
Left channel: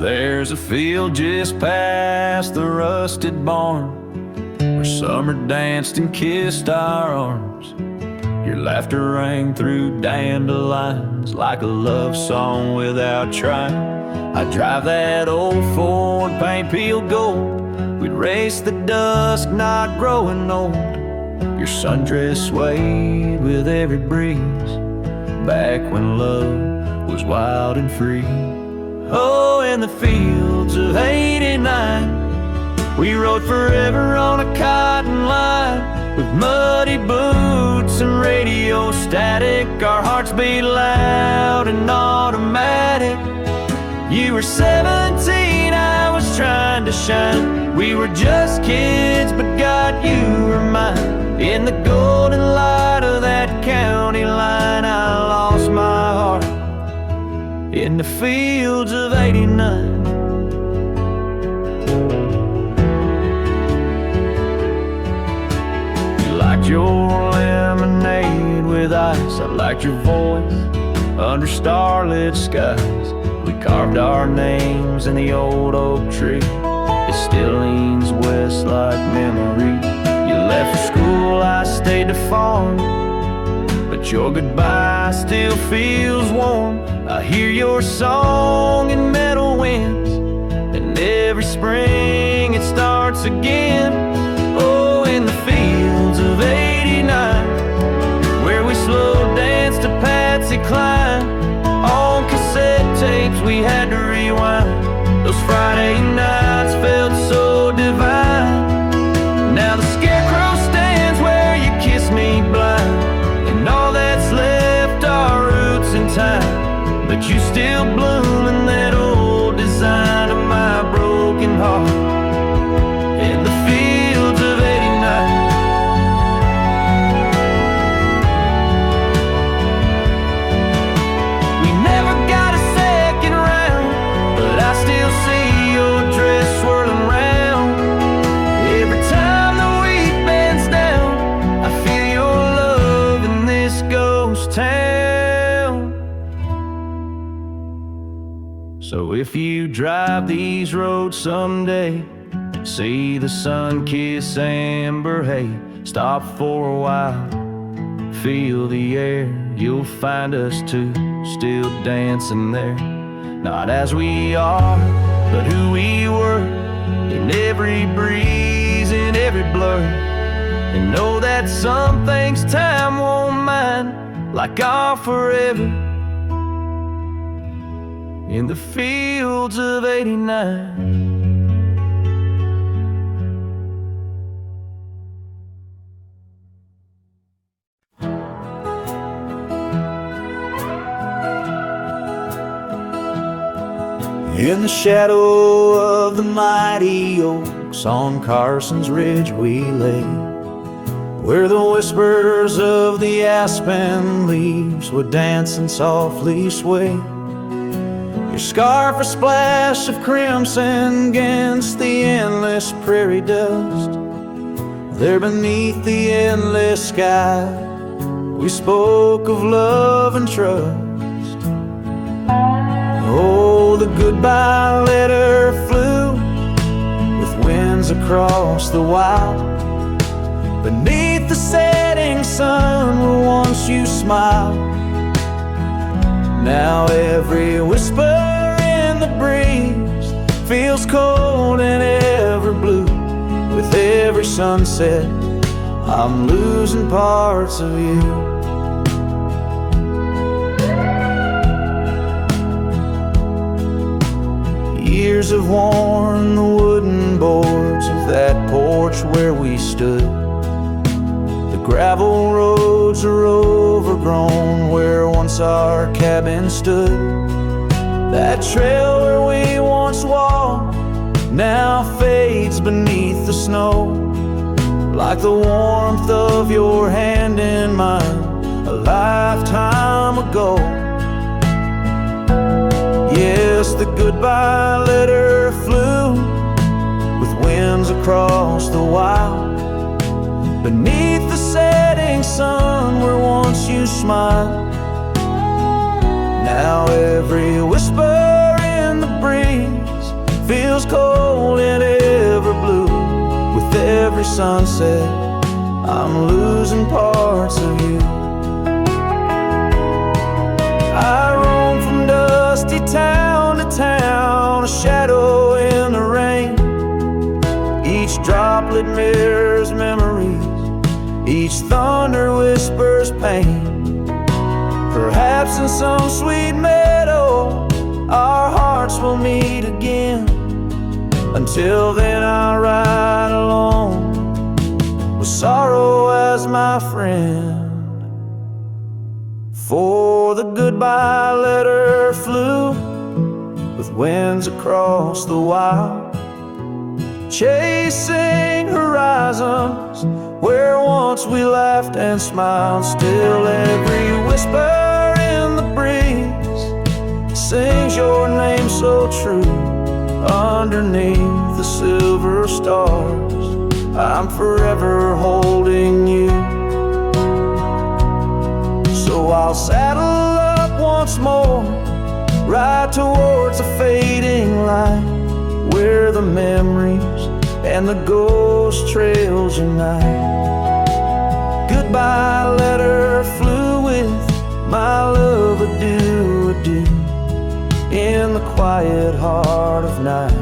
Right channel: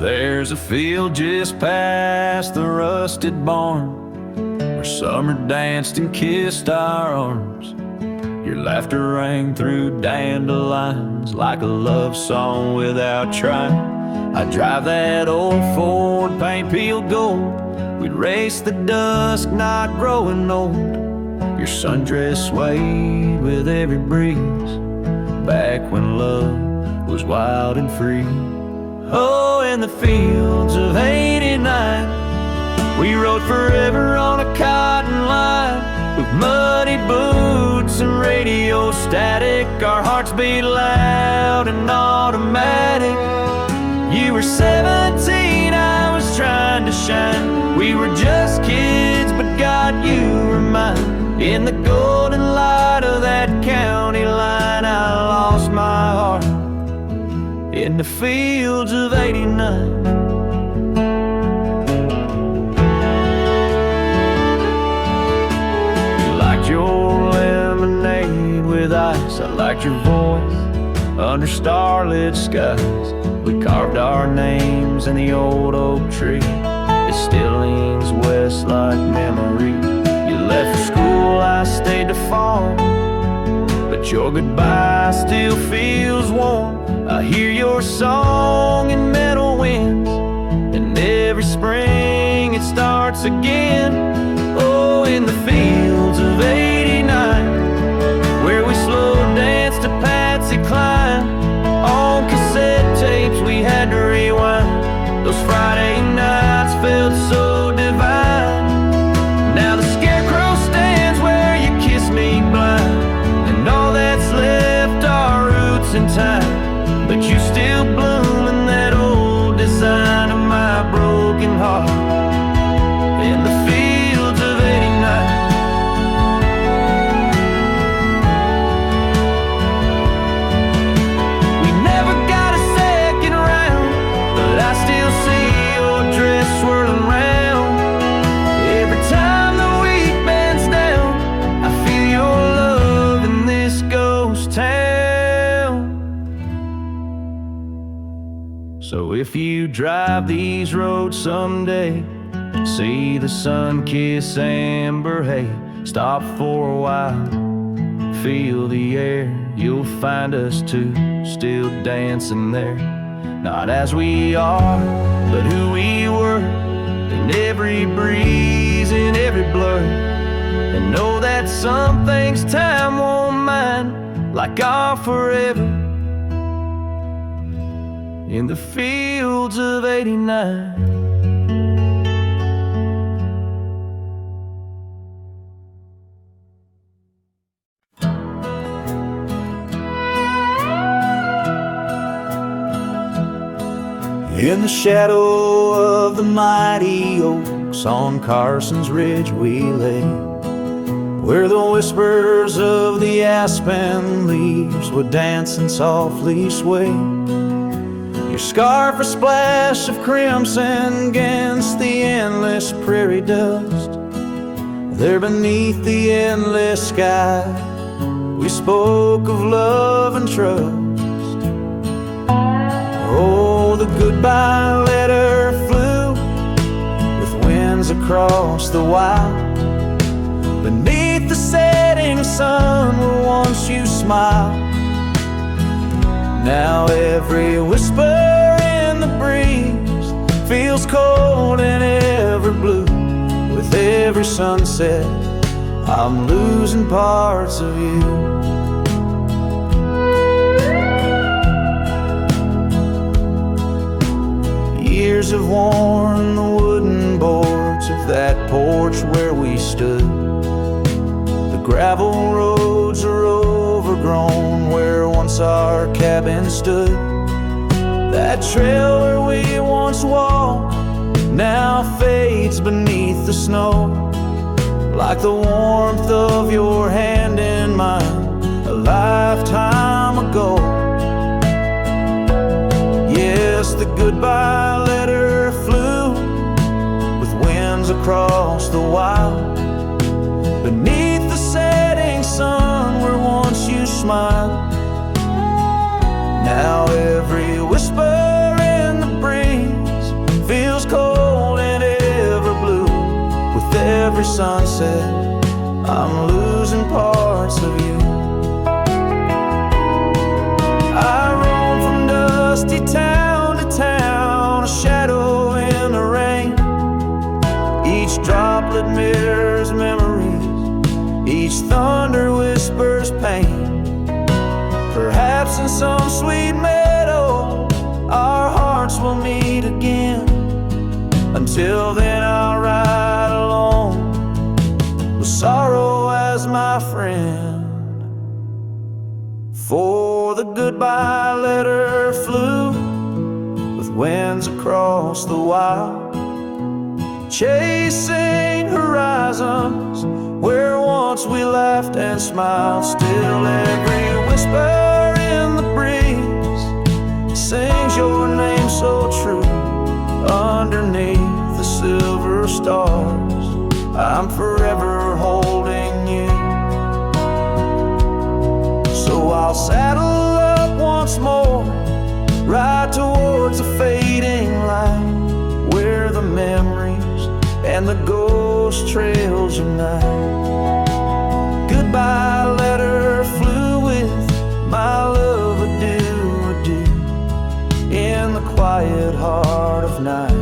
There's a field just past the rusted barn where summer danced and kissed our arms. Your laughter rang through dandelions like a love song without trying. I'd drive that old Ford, paint peeled gold. We'd race the dusk, not growing old. Your sundress swayed with every breeze, back when love was wild and free. Oh, in the fields of '89, we rode forever on a cotton line with muddy boots and radio static. Our hearts beat loud and automatic. You were 17, I was trying to shine. We were just kids, but God, you were mine. In the golden light of that county line, I lost my heart in the fields of '89. You liked your lemonade with ice, I liked your voice under starlit skies. We carved our names in the old oak tree, it still leans west like memory. You left for school, I stayed to farm, but your goodbye still feels warm. I hear your song in meadow winds, and every spring it starts again. Oh, in the fields of '89, where we slow danced to Patsy Cline. On cassette tapes we had to rewind. Those Friday nights felt so divine. Now the scarecrow stands where you kiss me blind, and all that's left are roots in time. But you still bloom in that old design of my broken heart in the fields of '89. We never got a second round, but I still see your dress swirling round. Every time the wheat bends down, I feel your love in this ghost town. So if you drive these roads someday, see the sun kiss amber hay, stop for a while, feel the air. You'll find us two still dancing there, not as we are, but who we were, in every breeze, in every blur. And know that some things time won't mind, like our forever in the fields of '89. In the shadow of the mighty oaks on Carson's Ridge we lay, where the whispers of the aspen leaves would dance and softly sway. Your scarf a splash of crimson against the endless prairie dust. There beneath the endless sky we spoke of love and trust. Oh, the goodbye letter flew with winds across the wild. Beneath the setting sun where once you smiled. Now every whisper in the breeze feels cold and ever blue. With every sunset I'm losing parts of you. Years have worn the wooden boards of that porch where we stood. The gravel roads are overgrown where once our cabin stood. That trail where we once walked now fades beneath the snow, like the warmth of your hand in mine a lifetime ago. Yes, the goodbye letter flew with winds across the wild. Beneath the setting sun where once you smiled. Now every whisper in the breeze feels cold and ever blue. With every sunset I'm losing parts of you. I roam from dusty town to town, a shadow in the rain. Each droplet mirrors memories, each thunder whispers pain. Perhaps in some sweet meadow our hearts will meet again. Until then I'll ride alone with sorrow as my friend. For the goodbye letter flew with winds across the wild, chasing horizons where once we laughed and smiled. Still every whisper in the breeze sings your name so true. Underneath the silver stars I'm forever holding you. So I'll saddle up once more, ride towards a fading light, where the memories and the ghost trails unite. Goodbye letter flew with my love, adieu, adieu, in the quiet heart of night.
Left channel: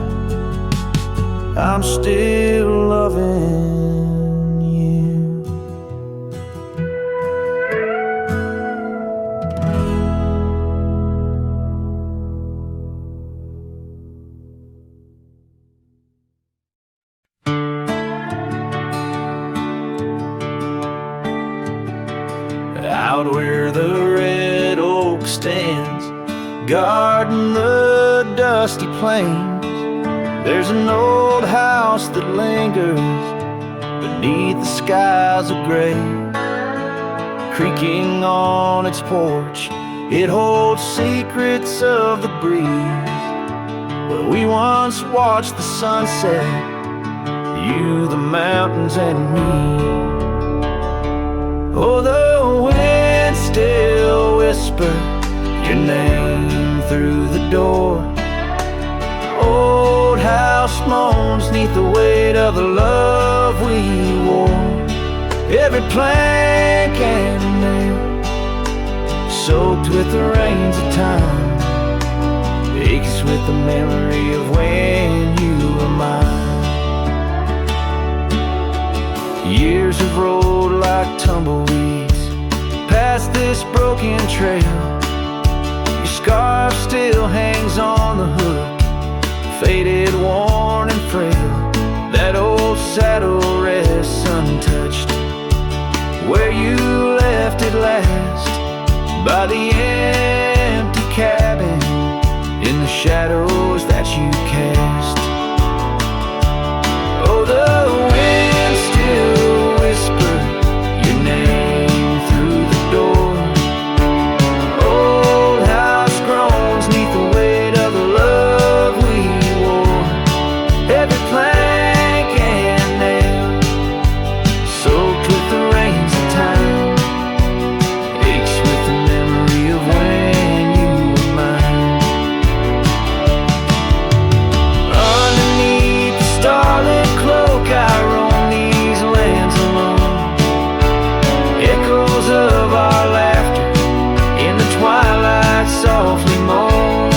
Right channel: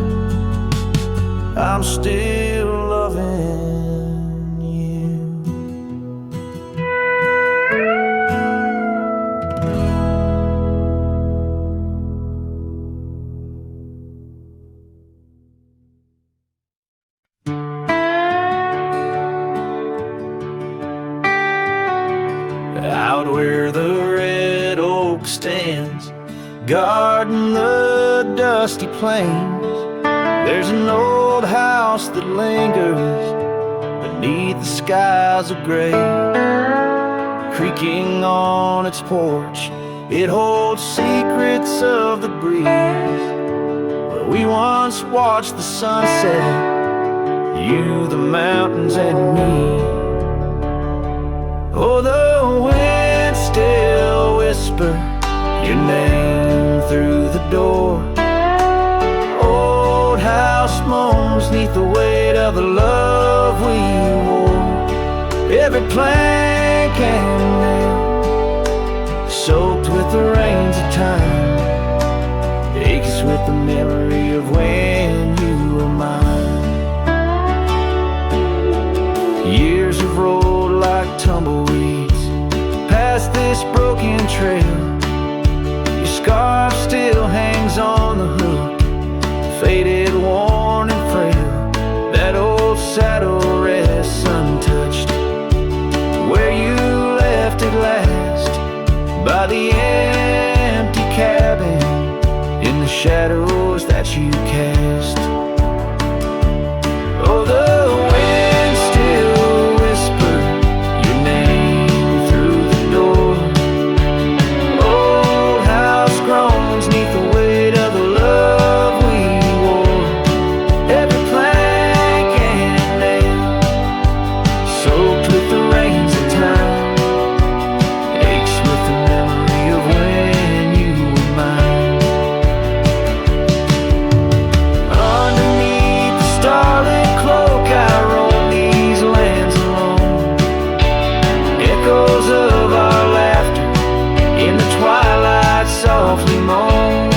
I'm still loving you. Out where the red oak stands, guarding the dusty plains, there's an old house that lingers beneath the skies of gray. Creaking on its porch, it holds secrets of the breeze, where we once watched the sunset, you, the mountains, and me. Oh, the wind still whispers your name through the door. Old house moans neath the weight of the love we wore. Every plank and nail, soaked with the rains of time, aches with the memory of when you were mine. Years have rolled like tumbleweeds past this broken trail. Your scarf still hangs on the hook, faded, worn, and frail. That old saddle rests untouched where you left it last, by the empty cabin in the shadows that you cast. Oh, the wind still whispers your name through the door. Old house groans neath the weight of the love we wore. Every plank and nail, soaked with the rains of time, aches with the memory of when you were mine. Underneath the starlit cloak I roam these lands alone. Echoes of our laughter in the twilight softly moan.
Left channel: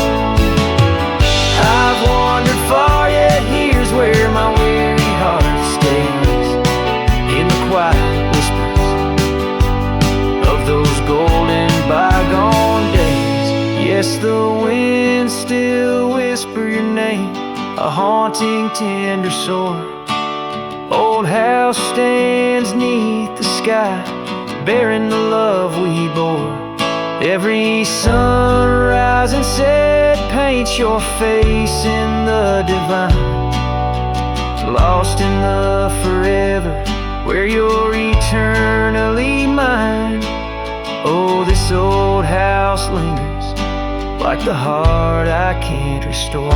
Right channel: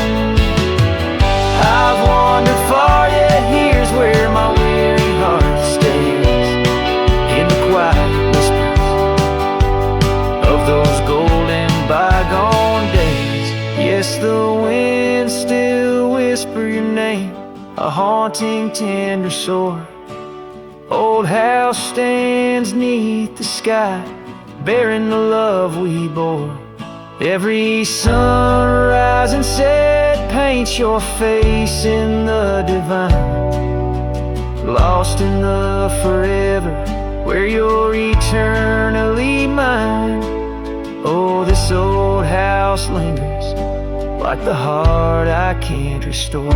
I've wandered far, yet here's where my weary heart stays, in the quiet whispers of those golden bygone days. Yes, the wind still whisper your name, a haunting tender sore. Old house stands neath the sky, bearing the love we bore. Every sunrise and set paints your face in the divine, lost in the forever where you're eternally mine. Oh, this old house lingers like the heart I can't restore.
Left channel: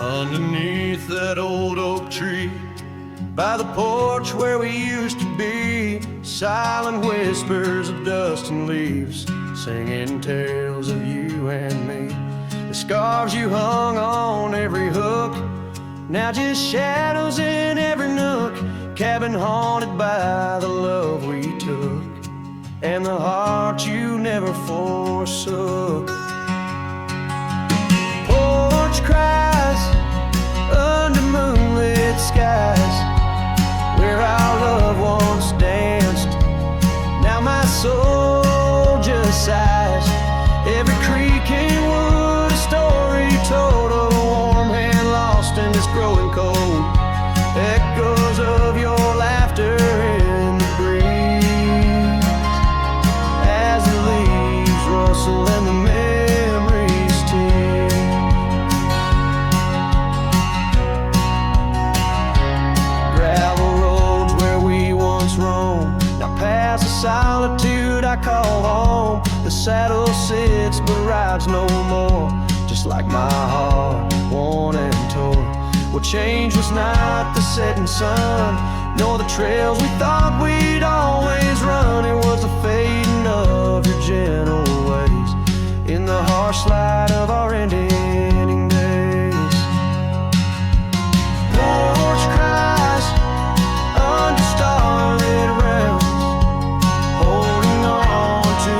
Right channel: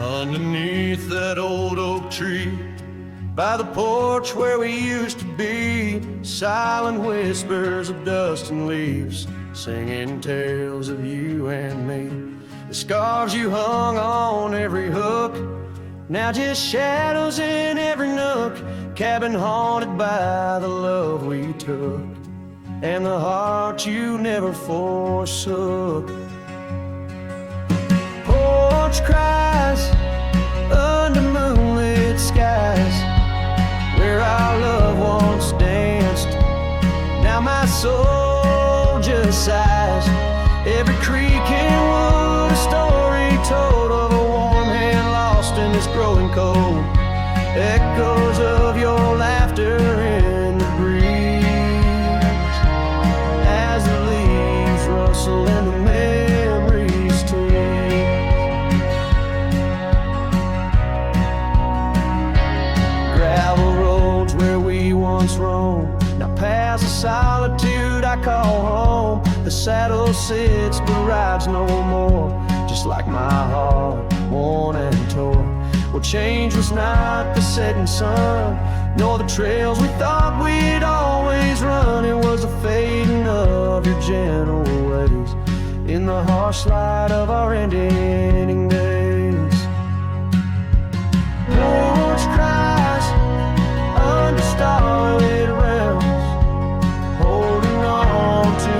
Underneath that old oak tree, by the porch where we used to be, silent whispers of dust and leaves, singing tales of you and me. The scarves you hung on every hook, now just shadows in every nook. Cabin haunted by the love we took, and the heart you never forsook. Porch cries under moonlit skies, where our love once danced. Now my soul just sighs. Every creek and wood, a story told of a warm hand lost in this growing cold. Echoes of your laughter in the breeze, as the leaves rustle and the memories tease. Gravel roads where we once roamed, now paths of solitude I call home. The saddle sits but rides no more, just just like my heart, worn and torn. What changed was not the setting sun, nor the trails we thought we'd always run. It was the fading of your gentle ways in the harsh light of our ending days. Porch cries under starlit realms, holding on to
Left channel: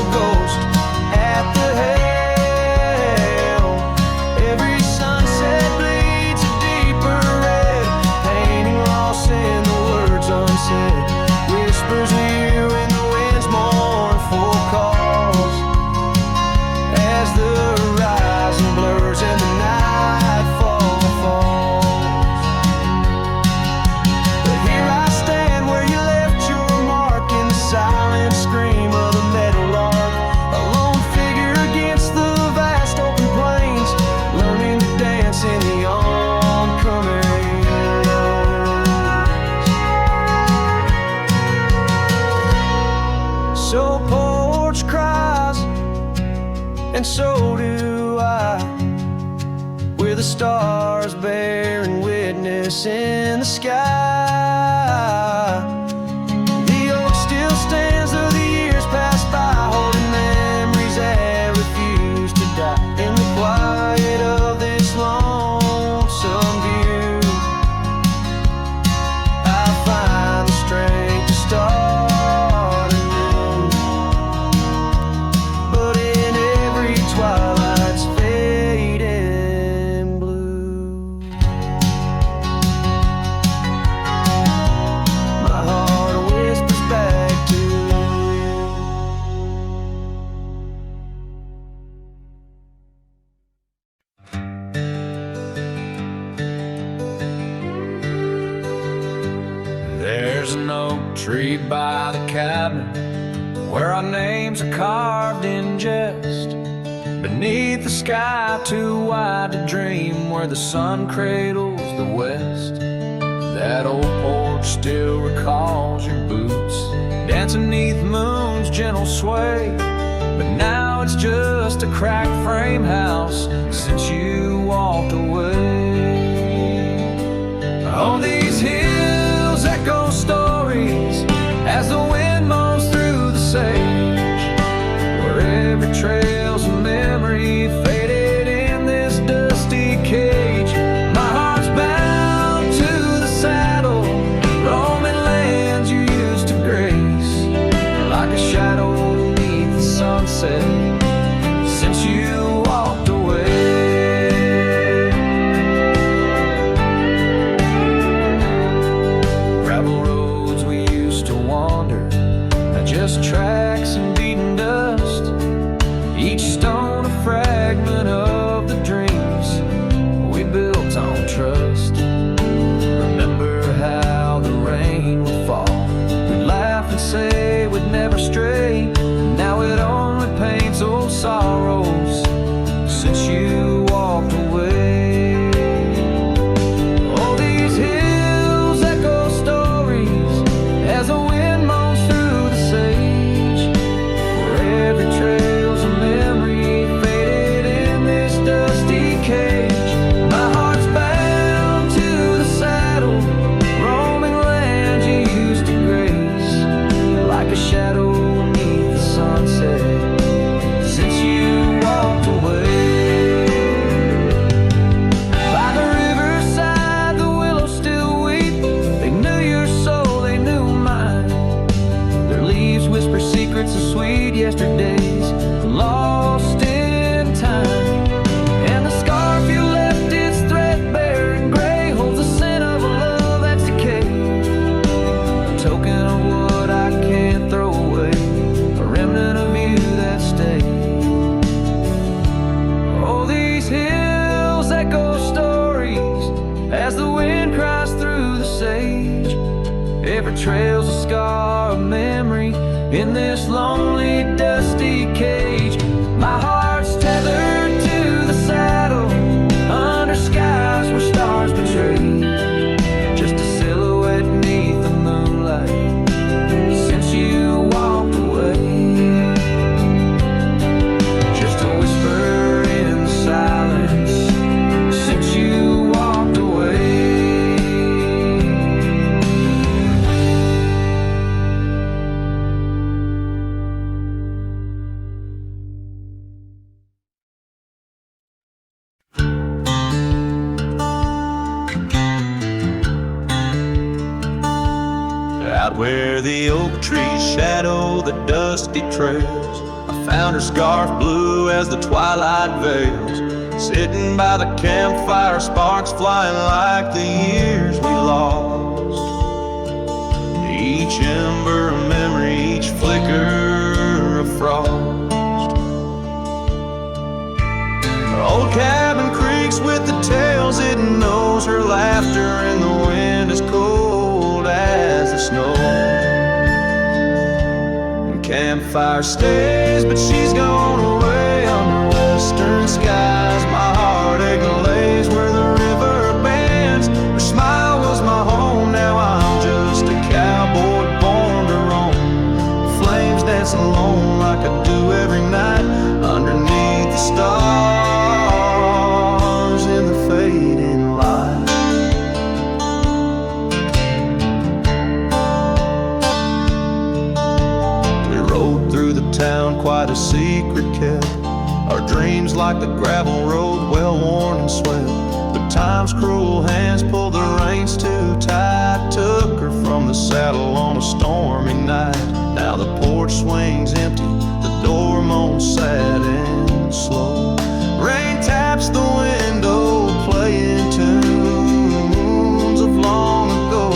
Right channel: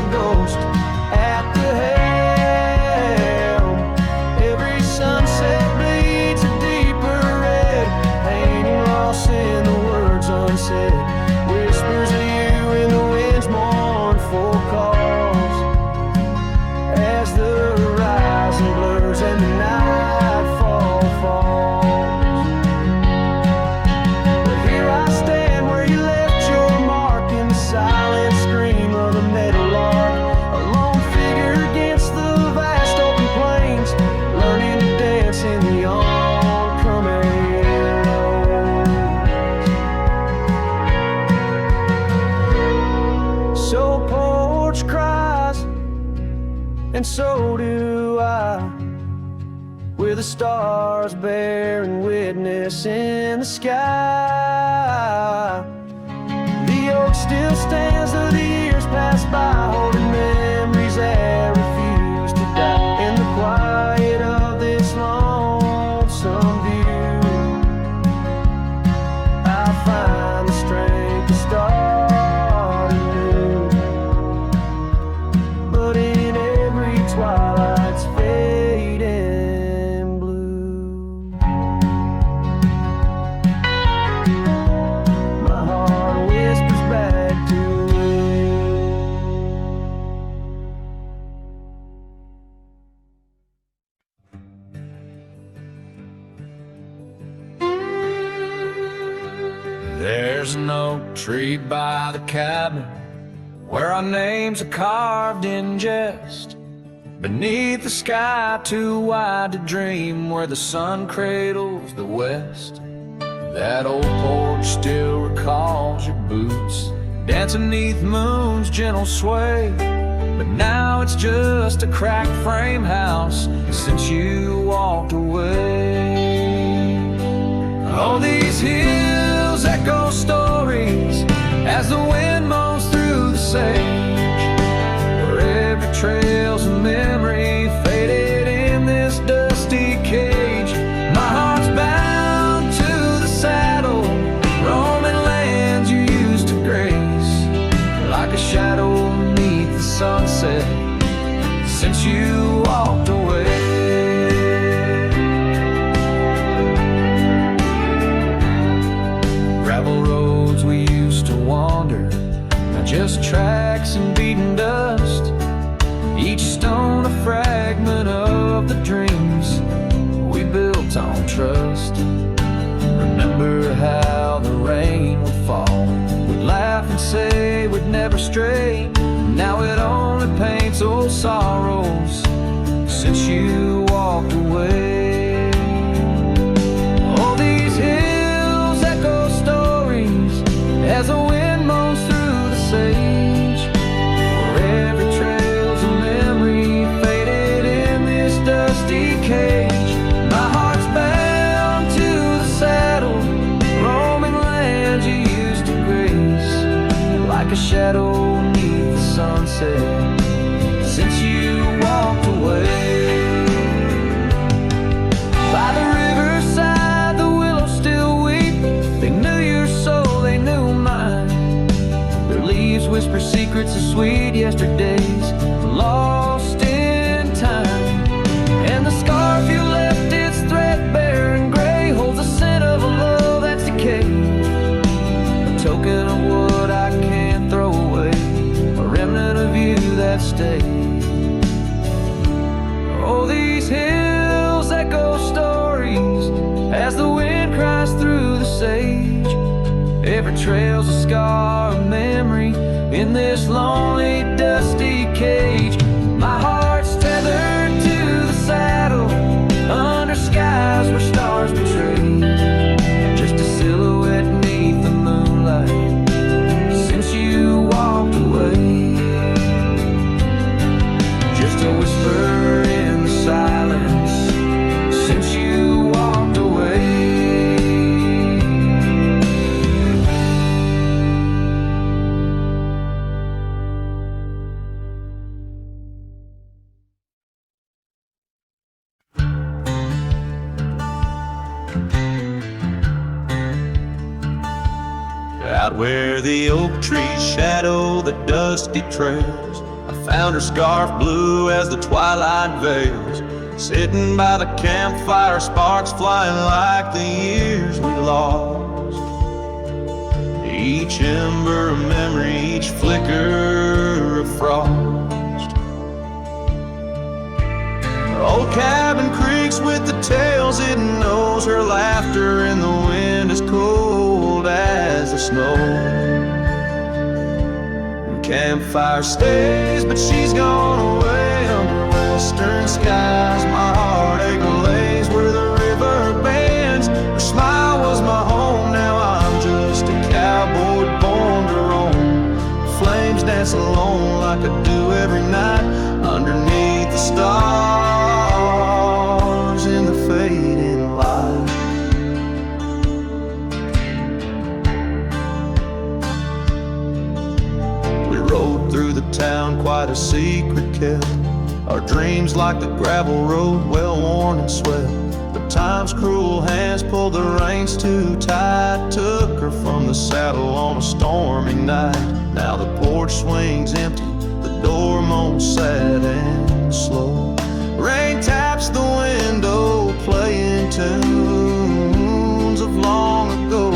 a ghost at the helm. Every sunset bleeds a deeper red, painting loss in the words unsaid. Whispers of you in the wind's mournful calls, as the horizon blurs and the nightfall falls. But here I stand where you left your mark, in the silent scream of the meadowlark, a lone figure against the vast open plains, learning to dance in the oncoming lows. So Porch cries, and so do I, with the stars bearing witness in the sky. The oak still stands though the years pass by, holding memories that refuse to die. In the quiet of this lonesome view, I find the strength to start anew. But in every twilight's fading blue, my heart whispers back to you. There's an oak tree by the cabin where our names are carved in jest, beneath the sky too wide to dream, where the sun cradles the west. That old porch still recalls your boots dancing neath moon's gentle sway, but now it's just a cracked frame house since you walked away. Oh, these hills echo stories as the wind moans through the sage, where every trail's a memory faded in this dusty cage. My heart's bound to the saddle, roaming lands you used to grace, like a shadow beneath the sunset since you walked away. Gravel roads we used to wander, just tracks and beaten dust, each stone a fragment of the dreams we built on trust. Remember how the rain would fall, we'd laugh and say we'd never stray. Now it only paints old sorrows since you walked away. Oh, these hills echo stories as the wind moans through the sage, where every trail's a memory faded in this dusty cage. My heart's bound to the saddle, roaming lands you used to grace, like a shadow beneath the sunset since you walked away. By the riverside the willows still weep, they knew your soul, they knew mine. Their leaves whisper secrets of sweet yesterdays, lost in time. And the scarf you left, it's threadbare and gray, holds the scent of a love that's decayed, a token of what I can't throw away, a remnant of you that stayed. Oh, these hills echo stories as the wind cries through the sage, every trail's a scar of memory in this lonely, dusty cage. My heart's tethered to the saddle under skies where stars betray, just a silhouette neath the moonlight since you walked away. Just a whisper in the silence Out where the oak trees shadow the dusty trails, I found her scarf blue as the twilight veils. Sitting by the campfire, sparks flying like the years we lost. Each ember a memory, each flicker a frost. Her old cabin creaks with the tales it knows, her laughter in the wind as cold as the snow. And campfire stays, but she's gone away under western skies. My heartache lays where the river bends. Her smile was my home, now I'm just a cowboy born to roam. Flames dance alone like I do every night underneath the stars in the fading light. We rode through the town, quite a secret kept. Our dreams like the gravel road, well worn and swept. But time's cruel hands pulled the reins too tight, took her from the saddle on a stormy night. Now the porch swings empty, the door moans sad and slow. Rain taps the window, playing tunes of long ago.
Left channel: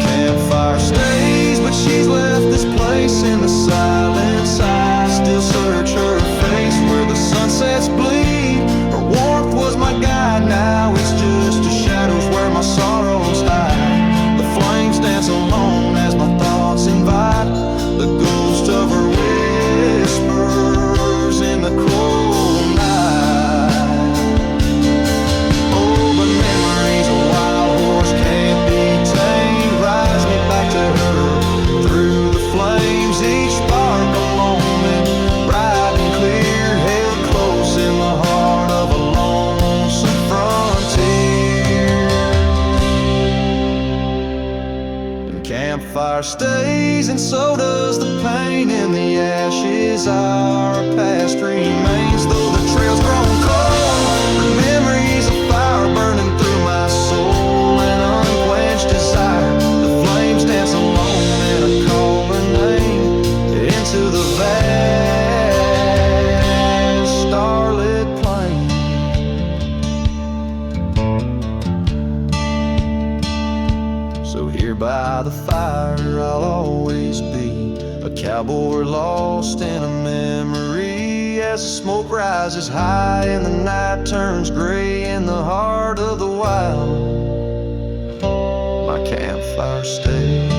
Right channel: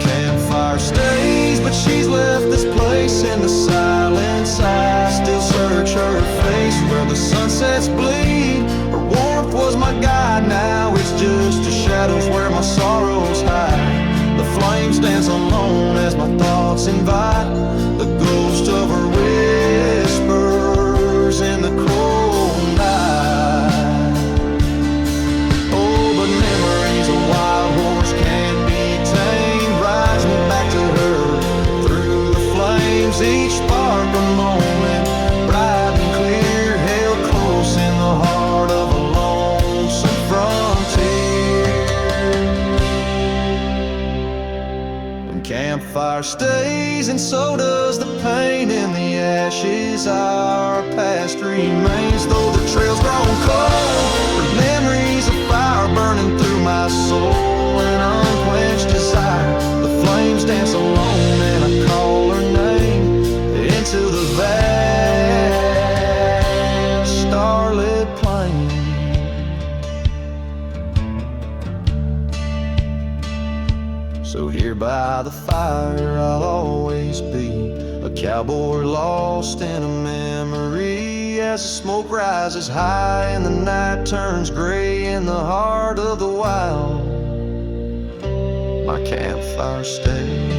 Campfire stays, but she's left this place in the silence. I still search her face where the sunsets bleed. Her warmth was my guide, now it's just the shadows where my sorrows hide. The flames dance alone as my thoughts invite the ghost of her whispers in the cold night. Oh, but memories a wild horse can't be tamed, rides me back to her through the flames. Each spark a moment, bright and clear, held close in the heart of a lonesome frontier. Campfire stays, and so does the pain in the ashes. Our past remains, though the trail's grown cold. Her memories of fire burning through my soul, an unquenched desire. The flames dance alone, and I call her name into the vast starlit plain. So here by the fire I'll always be, a cowboy lost in a memory. As the smoke rises high and the night turns gray in the heart of the wild, my campfire stays.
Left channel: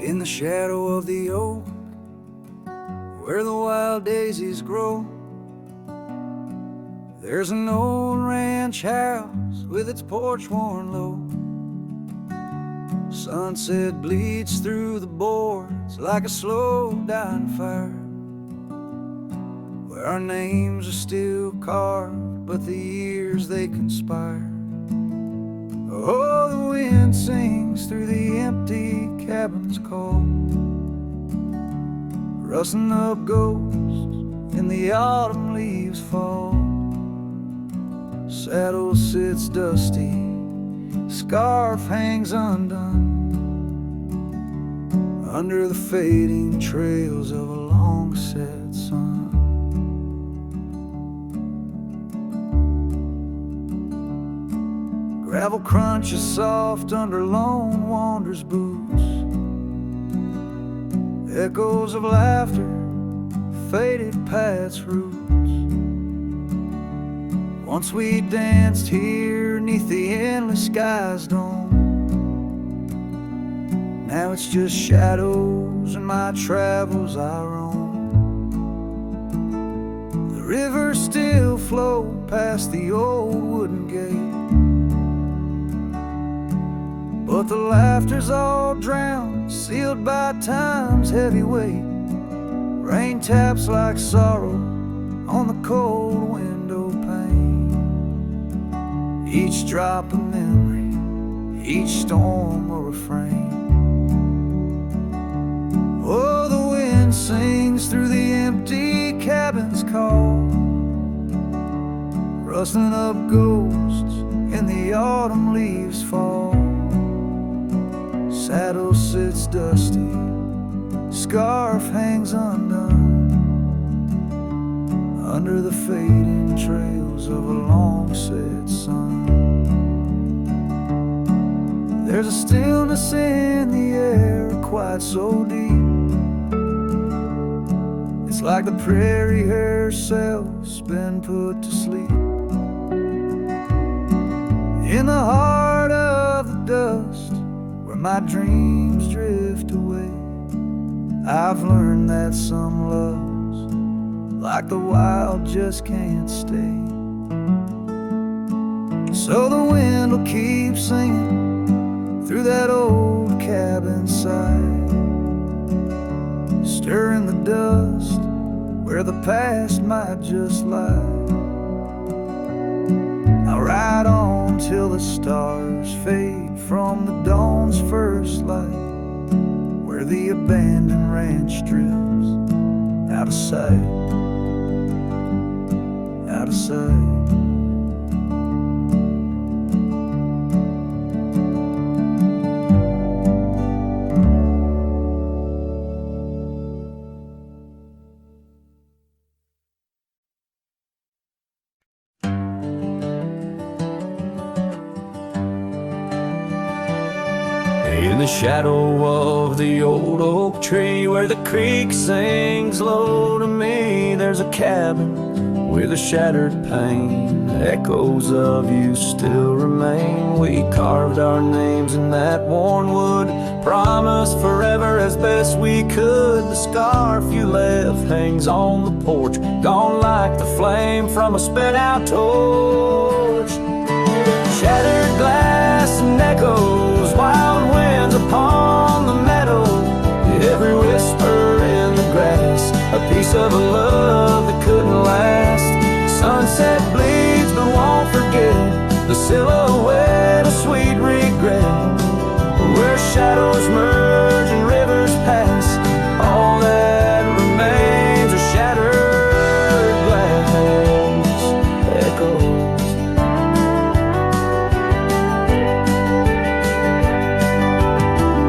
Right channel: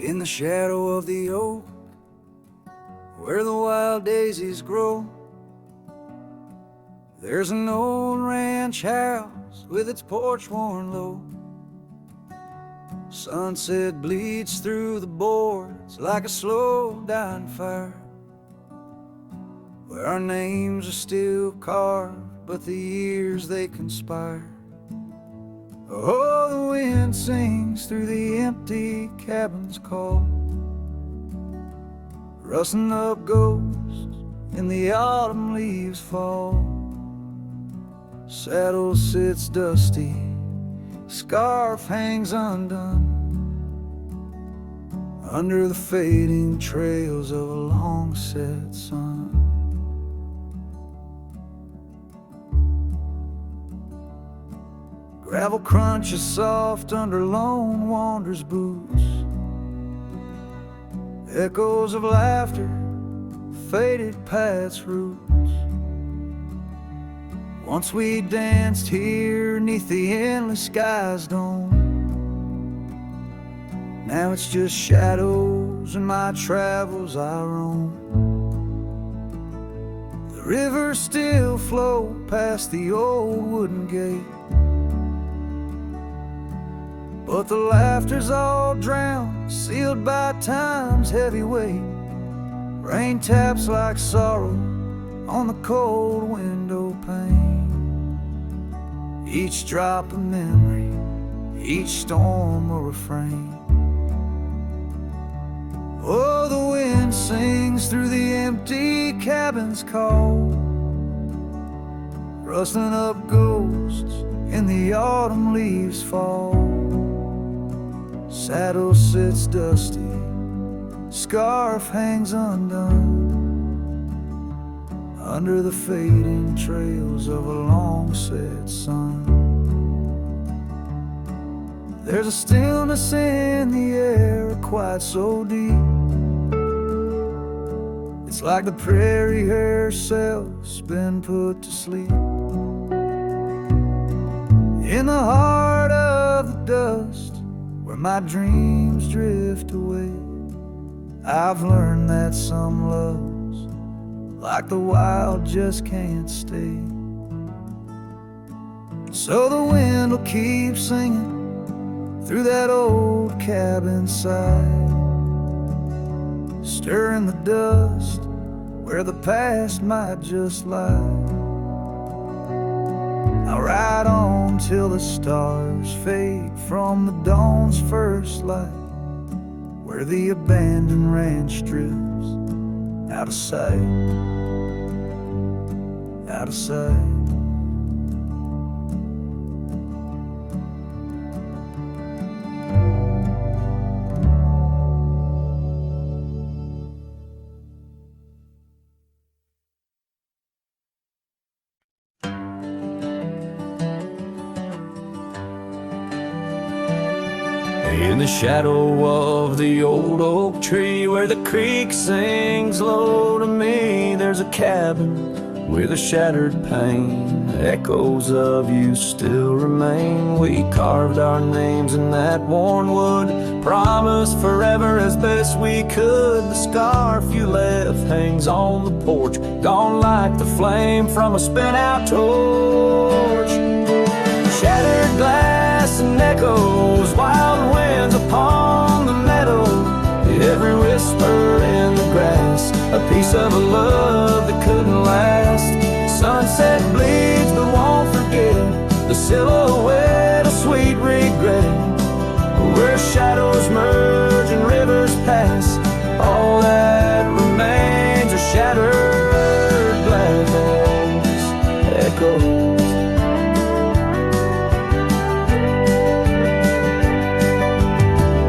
In the shadow of the oak, where the wild daisies grow, there's an old ranch house with its porch worn low. Sunset bleeds through the boards like a slow dying fire, where our names are still carved, but the years they conspire. Oh, the wind sings through the empty cabin's call, rustling up ghosts in the autumn leaves fall. Saddle sits dusty, scarf hangs undone, under the fading trails of a long set sun. Gravel crunches soft under lone wanderer's boots, echoes of laughter, faded paths roots. Once we danced here neath the endless sky's dome, now it's just shadows and my travels I roam. The rivers still flow past the old wooden gate, but the laughter's all drowned, sealed by time's heavy weight. Rain taps like sorrow on the cold window pane. Each drop a memory, each storm a refrain. Oh, the wind sings through the empty cabin's call, rustling up ghosts in the autumn leaves fall. Saddle sits dusty, scarf hangs undone, under the fading trails of a long-set sun. There's a stillness in the air, quite so deep. It's like the prairie herself's been put to sleep. In the heart of the dust, where my dreams drift away, I've learned that some loves, like the wild, just can't stay. So the wind will keep singing through that old cabin side, stirring the dust where the past might just lie. I'll ride on till the stars fade from the dawn's first light, where the abandoned ranch drifts out of sight, out of sight. In the shadow of the old oak tree, where the creek sings low to me, there's a cabin with a shattered pane. Echoes of you still remain. We carved our names in that worn wood, promised forever as best we could. The scarf you left hangs on the porch, gone like the flame from a spent-out torch. Shattered glass and echoes, wild winds upon the meadow, every whisper in the grass, a piece of a love that couldn't last. Sunset bleeds but won't forget, the silhouette of sweet regret, where shadows merge and rivers pass, all that remains are shattered glass echoes.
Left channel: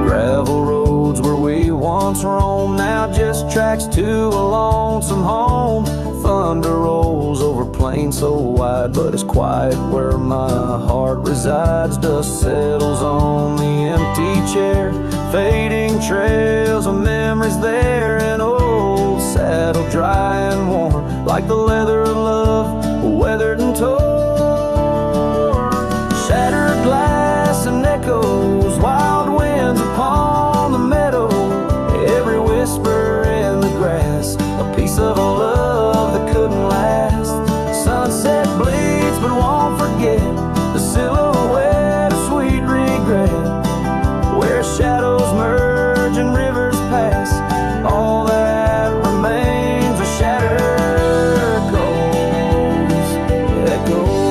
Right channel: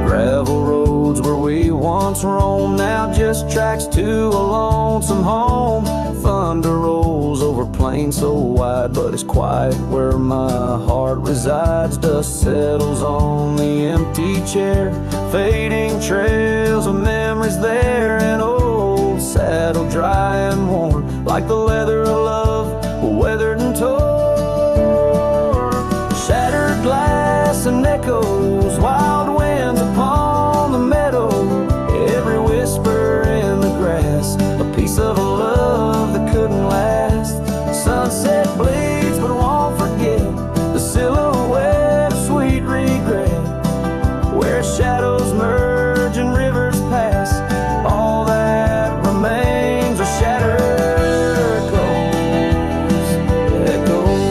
Gravel roads where we once roamed, now just tracks to a lonesome home. Thunder rolls over plains so wide, but it's quiet where my heart resides. Dust settles on the empty chair, fading trails of memories there. An old saddle dry and worn, like the leather of love, weathered and torn. Shattered glass and echoes, wild winds upon the meadow, every whisper in the grass, a piece of a love that couldn't last. Sunset bleeds but won't forget, the silhouette of sweet regret, where shadows merge and rivers pass, all that remains are shattered echoes.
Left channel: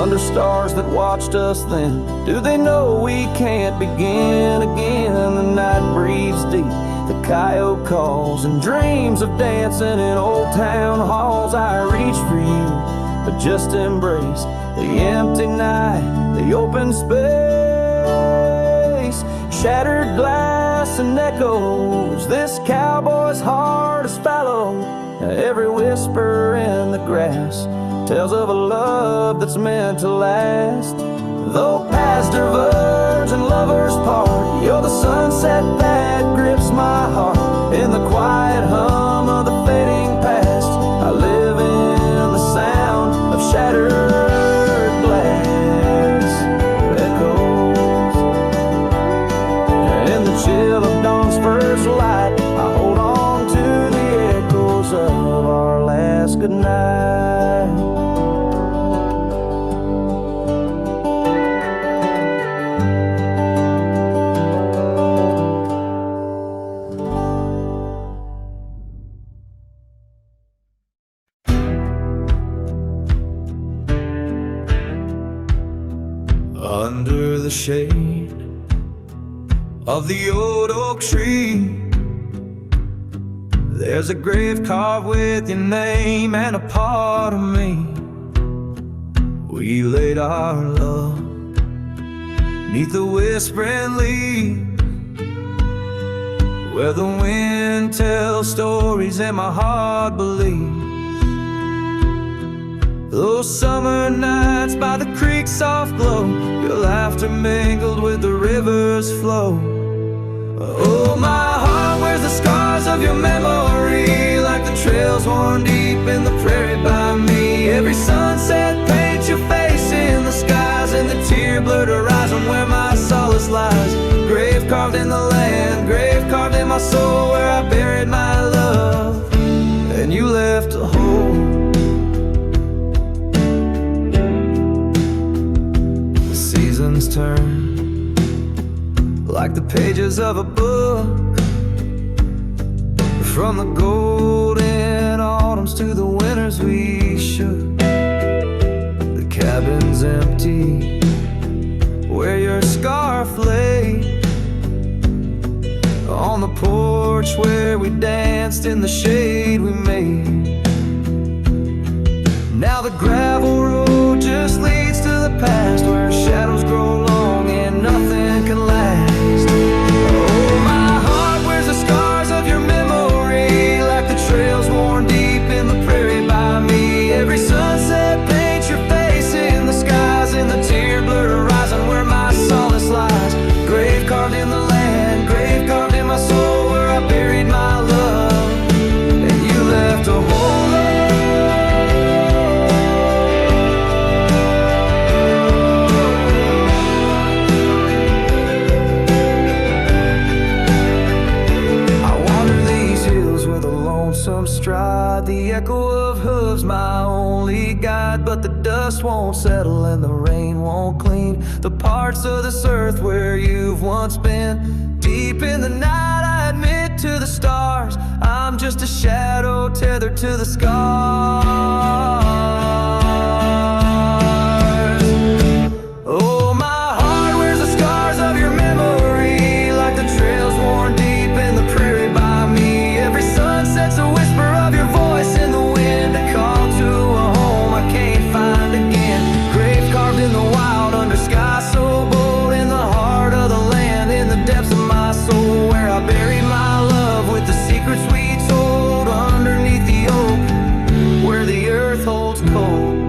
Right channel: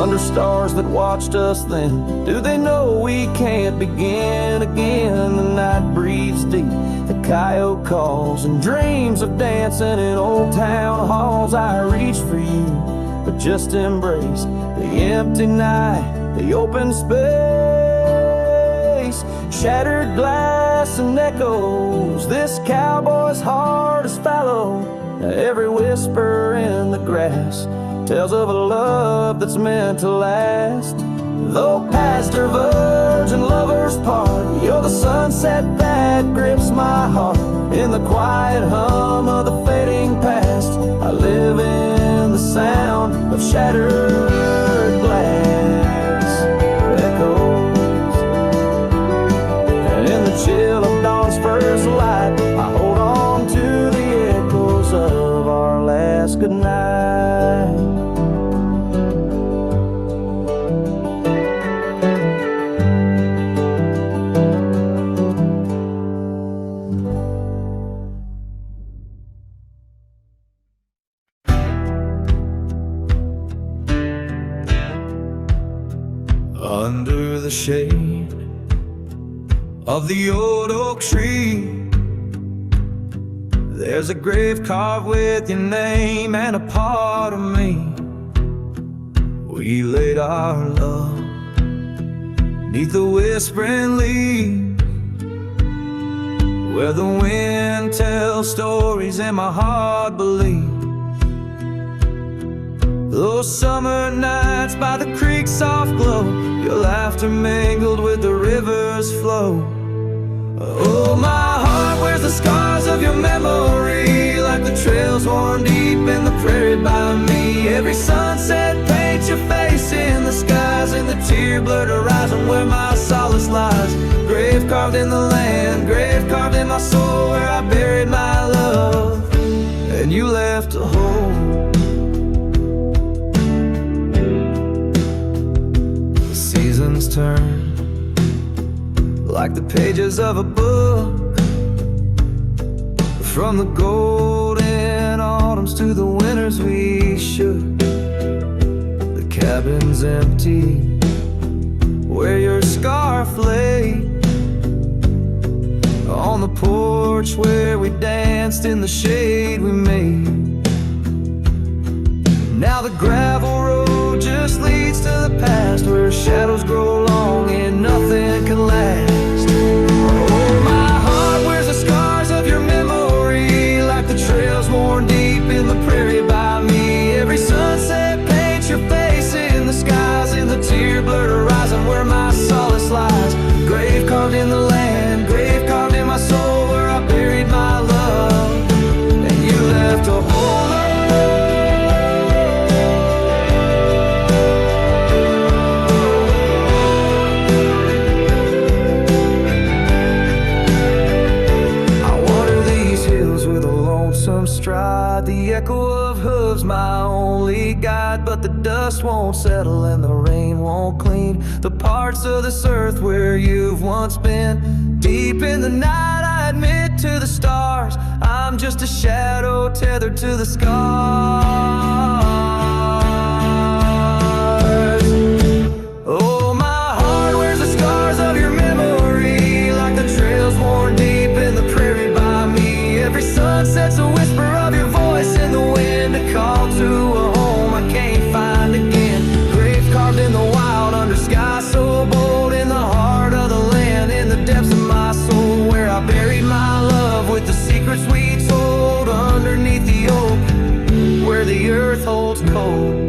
Under stars that watched us then, do they know we can't begin again? The night breathes deep, the coyote calls, and dreams of dancing in old town halls. I reach for you, but just embrace the empty night, the open space. Shattered glass and echoes, this cowboy's heart is fallow, every whisper in the grass tells of a love that's meant to last. Though paths diverge and lovers part, you're the sunset that grips my heart. In the quiet hum of the fading past, I live in the sound of shattered glass echoes. In the chill of dawn's first light, I hold on to the echoes of our last goodnight. Under the shade of the old oak tree, there's a grave carved with your name and a part of me. We laid our love 'neath the whispering leaves, where the wind tells stories and my heart believes. Those summer nights by the creek's soft glow, your laughter mingled with the river's flow. Oh, my heart wears the scars of your memory, like the trails worn deep in the prairie by me. Every sunset paints your face in the skies, and the tear-blurred horizon where my solace lies. Grave carved in the land, grave carved in my soul, where I buried my love, and you left a hole. The seasons turn like the pages of a book, from the golden autumns to the winters we shook. The cabin's empty where your scarf lay, on the porch where we danced in the shade we made. Now the gravel road just leads to the past, where shadows grow long and nothing can last. Oh, my heart wears the scars of your memory, like the trails worn deep in the prairie by me. Every sunset paints your face in the skies, in the tear-blurred horizon where my solace lies. Grave carved in the land, grave carved in my soul, where I buried my love, and you left a hole. With a lonesome stride, the echo of hooves my only guide. But the dust won't settle and the rain won't clean the parts of this earth where you've once been. Deep in the night I admit to the stars, I'm just a shadow tethered to the scars. Oh, my heart wears the scars of your memory, like the trails worn deep in the prairie by me. Every sunset's a whisper of your voice in the wind, a call to a home I can't find again. Grave carved in the wild under sky so bold, in the heart of the land, in the depths of my soul, where I buried my love with the secrets we told, underneath the oak where the earth holds cold.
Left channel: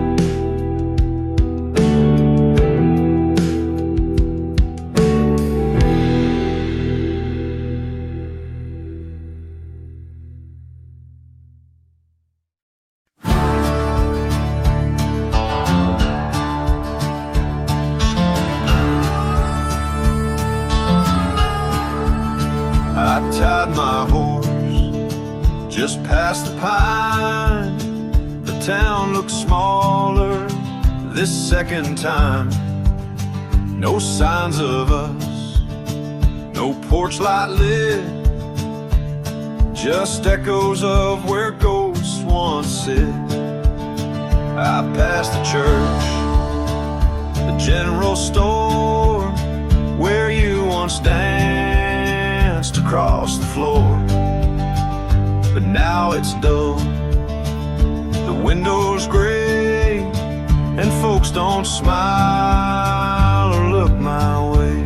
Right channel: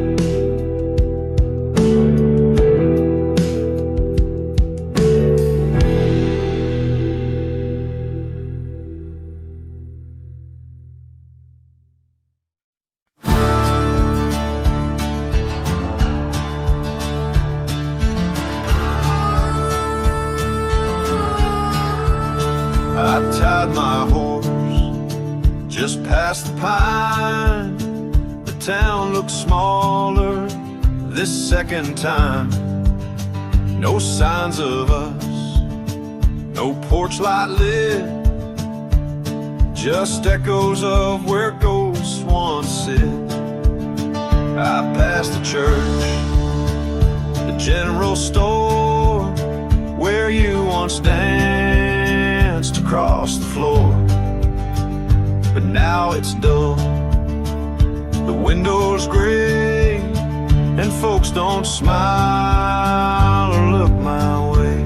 I tied my horse just past the pine. The town looks smaller this second time. No signs of us, no porch light lit, just echoes of where ghosts once sit. I passed the church, the general store, where you once danced across the floor. But now it's dull, the window's gray, and folks don't smile or look my way.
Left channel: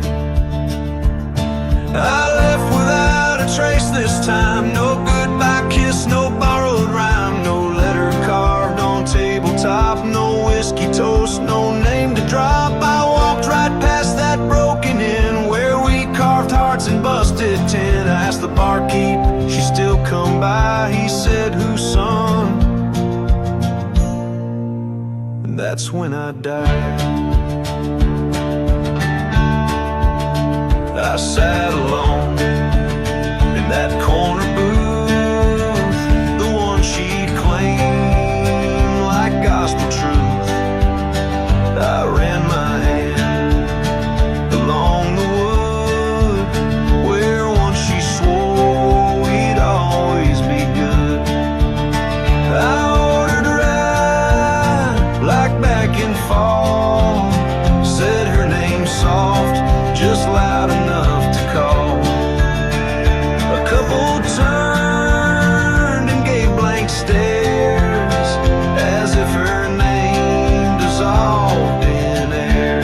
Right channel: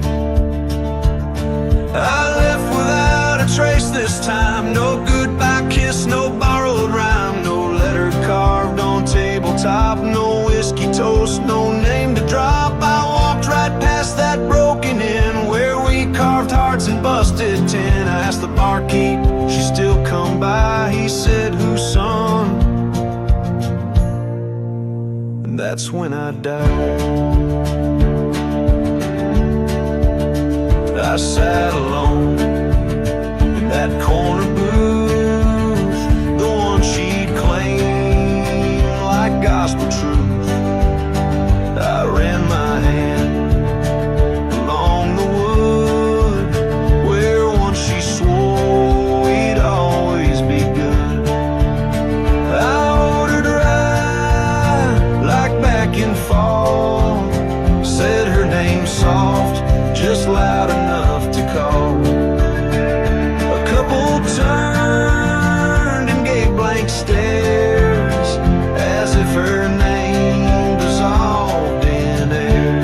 I left without a trace this time, no goodbye kiss, no borrowed rhyme, no letter carved on tabletop, no whiskey toast, no name to drop. I walked right past that broken inn where we carved hearts and busted tin. I asked the barkeep, she still come by, he said, whose son? And that's when I died. I sat alone in that corner booth, the one she'd claim like gospel truth. I ran my hand along the wood where once she swore we'd always be good. I ordered rye like back in fall, said her name soft, just loud enough to call. A couple turned and gave blank stares, as if her name dissolved in air.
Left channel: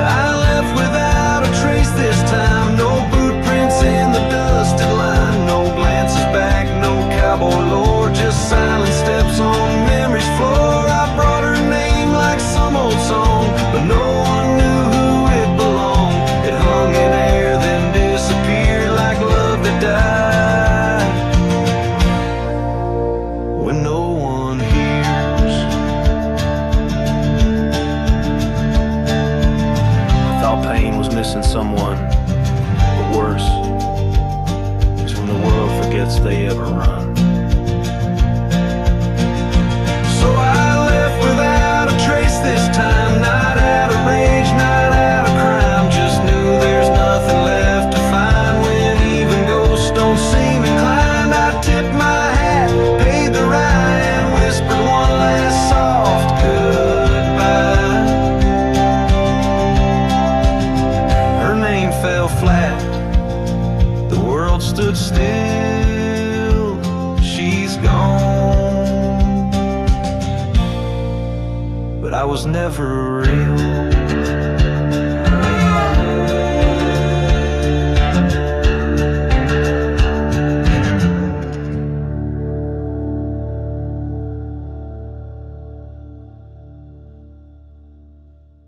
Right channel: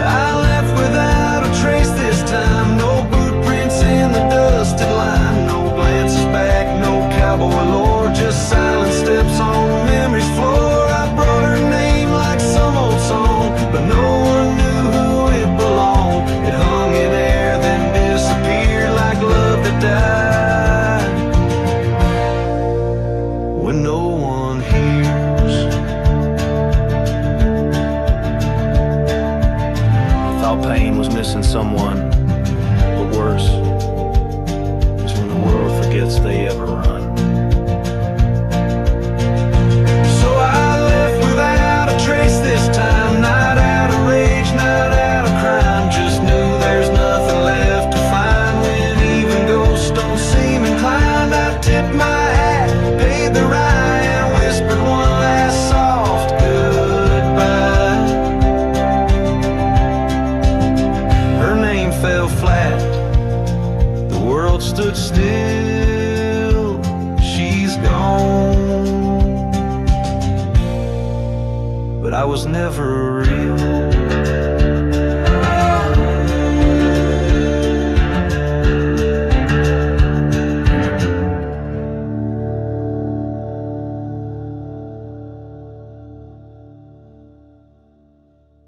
I left without a trace this time, no boot prints in the dusted line, no glances back, no cowboy lore, just silent steps on memory's floor. I brought her name like some old song, but no one knew who it belonged. It hung in air, then disappeared like love that died when no one hears. I thought pain was missing someone, but worse is when the world forgets they ever run. So I left without a trace this time, not out of rage, not out of crime, just knew there's nothing left to find. When even ghosts don't seem inclined, I tipped my hat, paid the rye, and whispered one last soft goodbye. Her name fell flat, the world stood still, she's gone. But I was never real.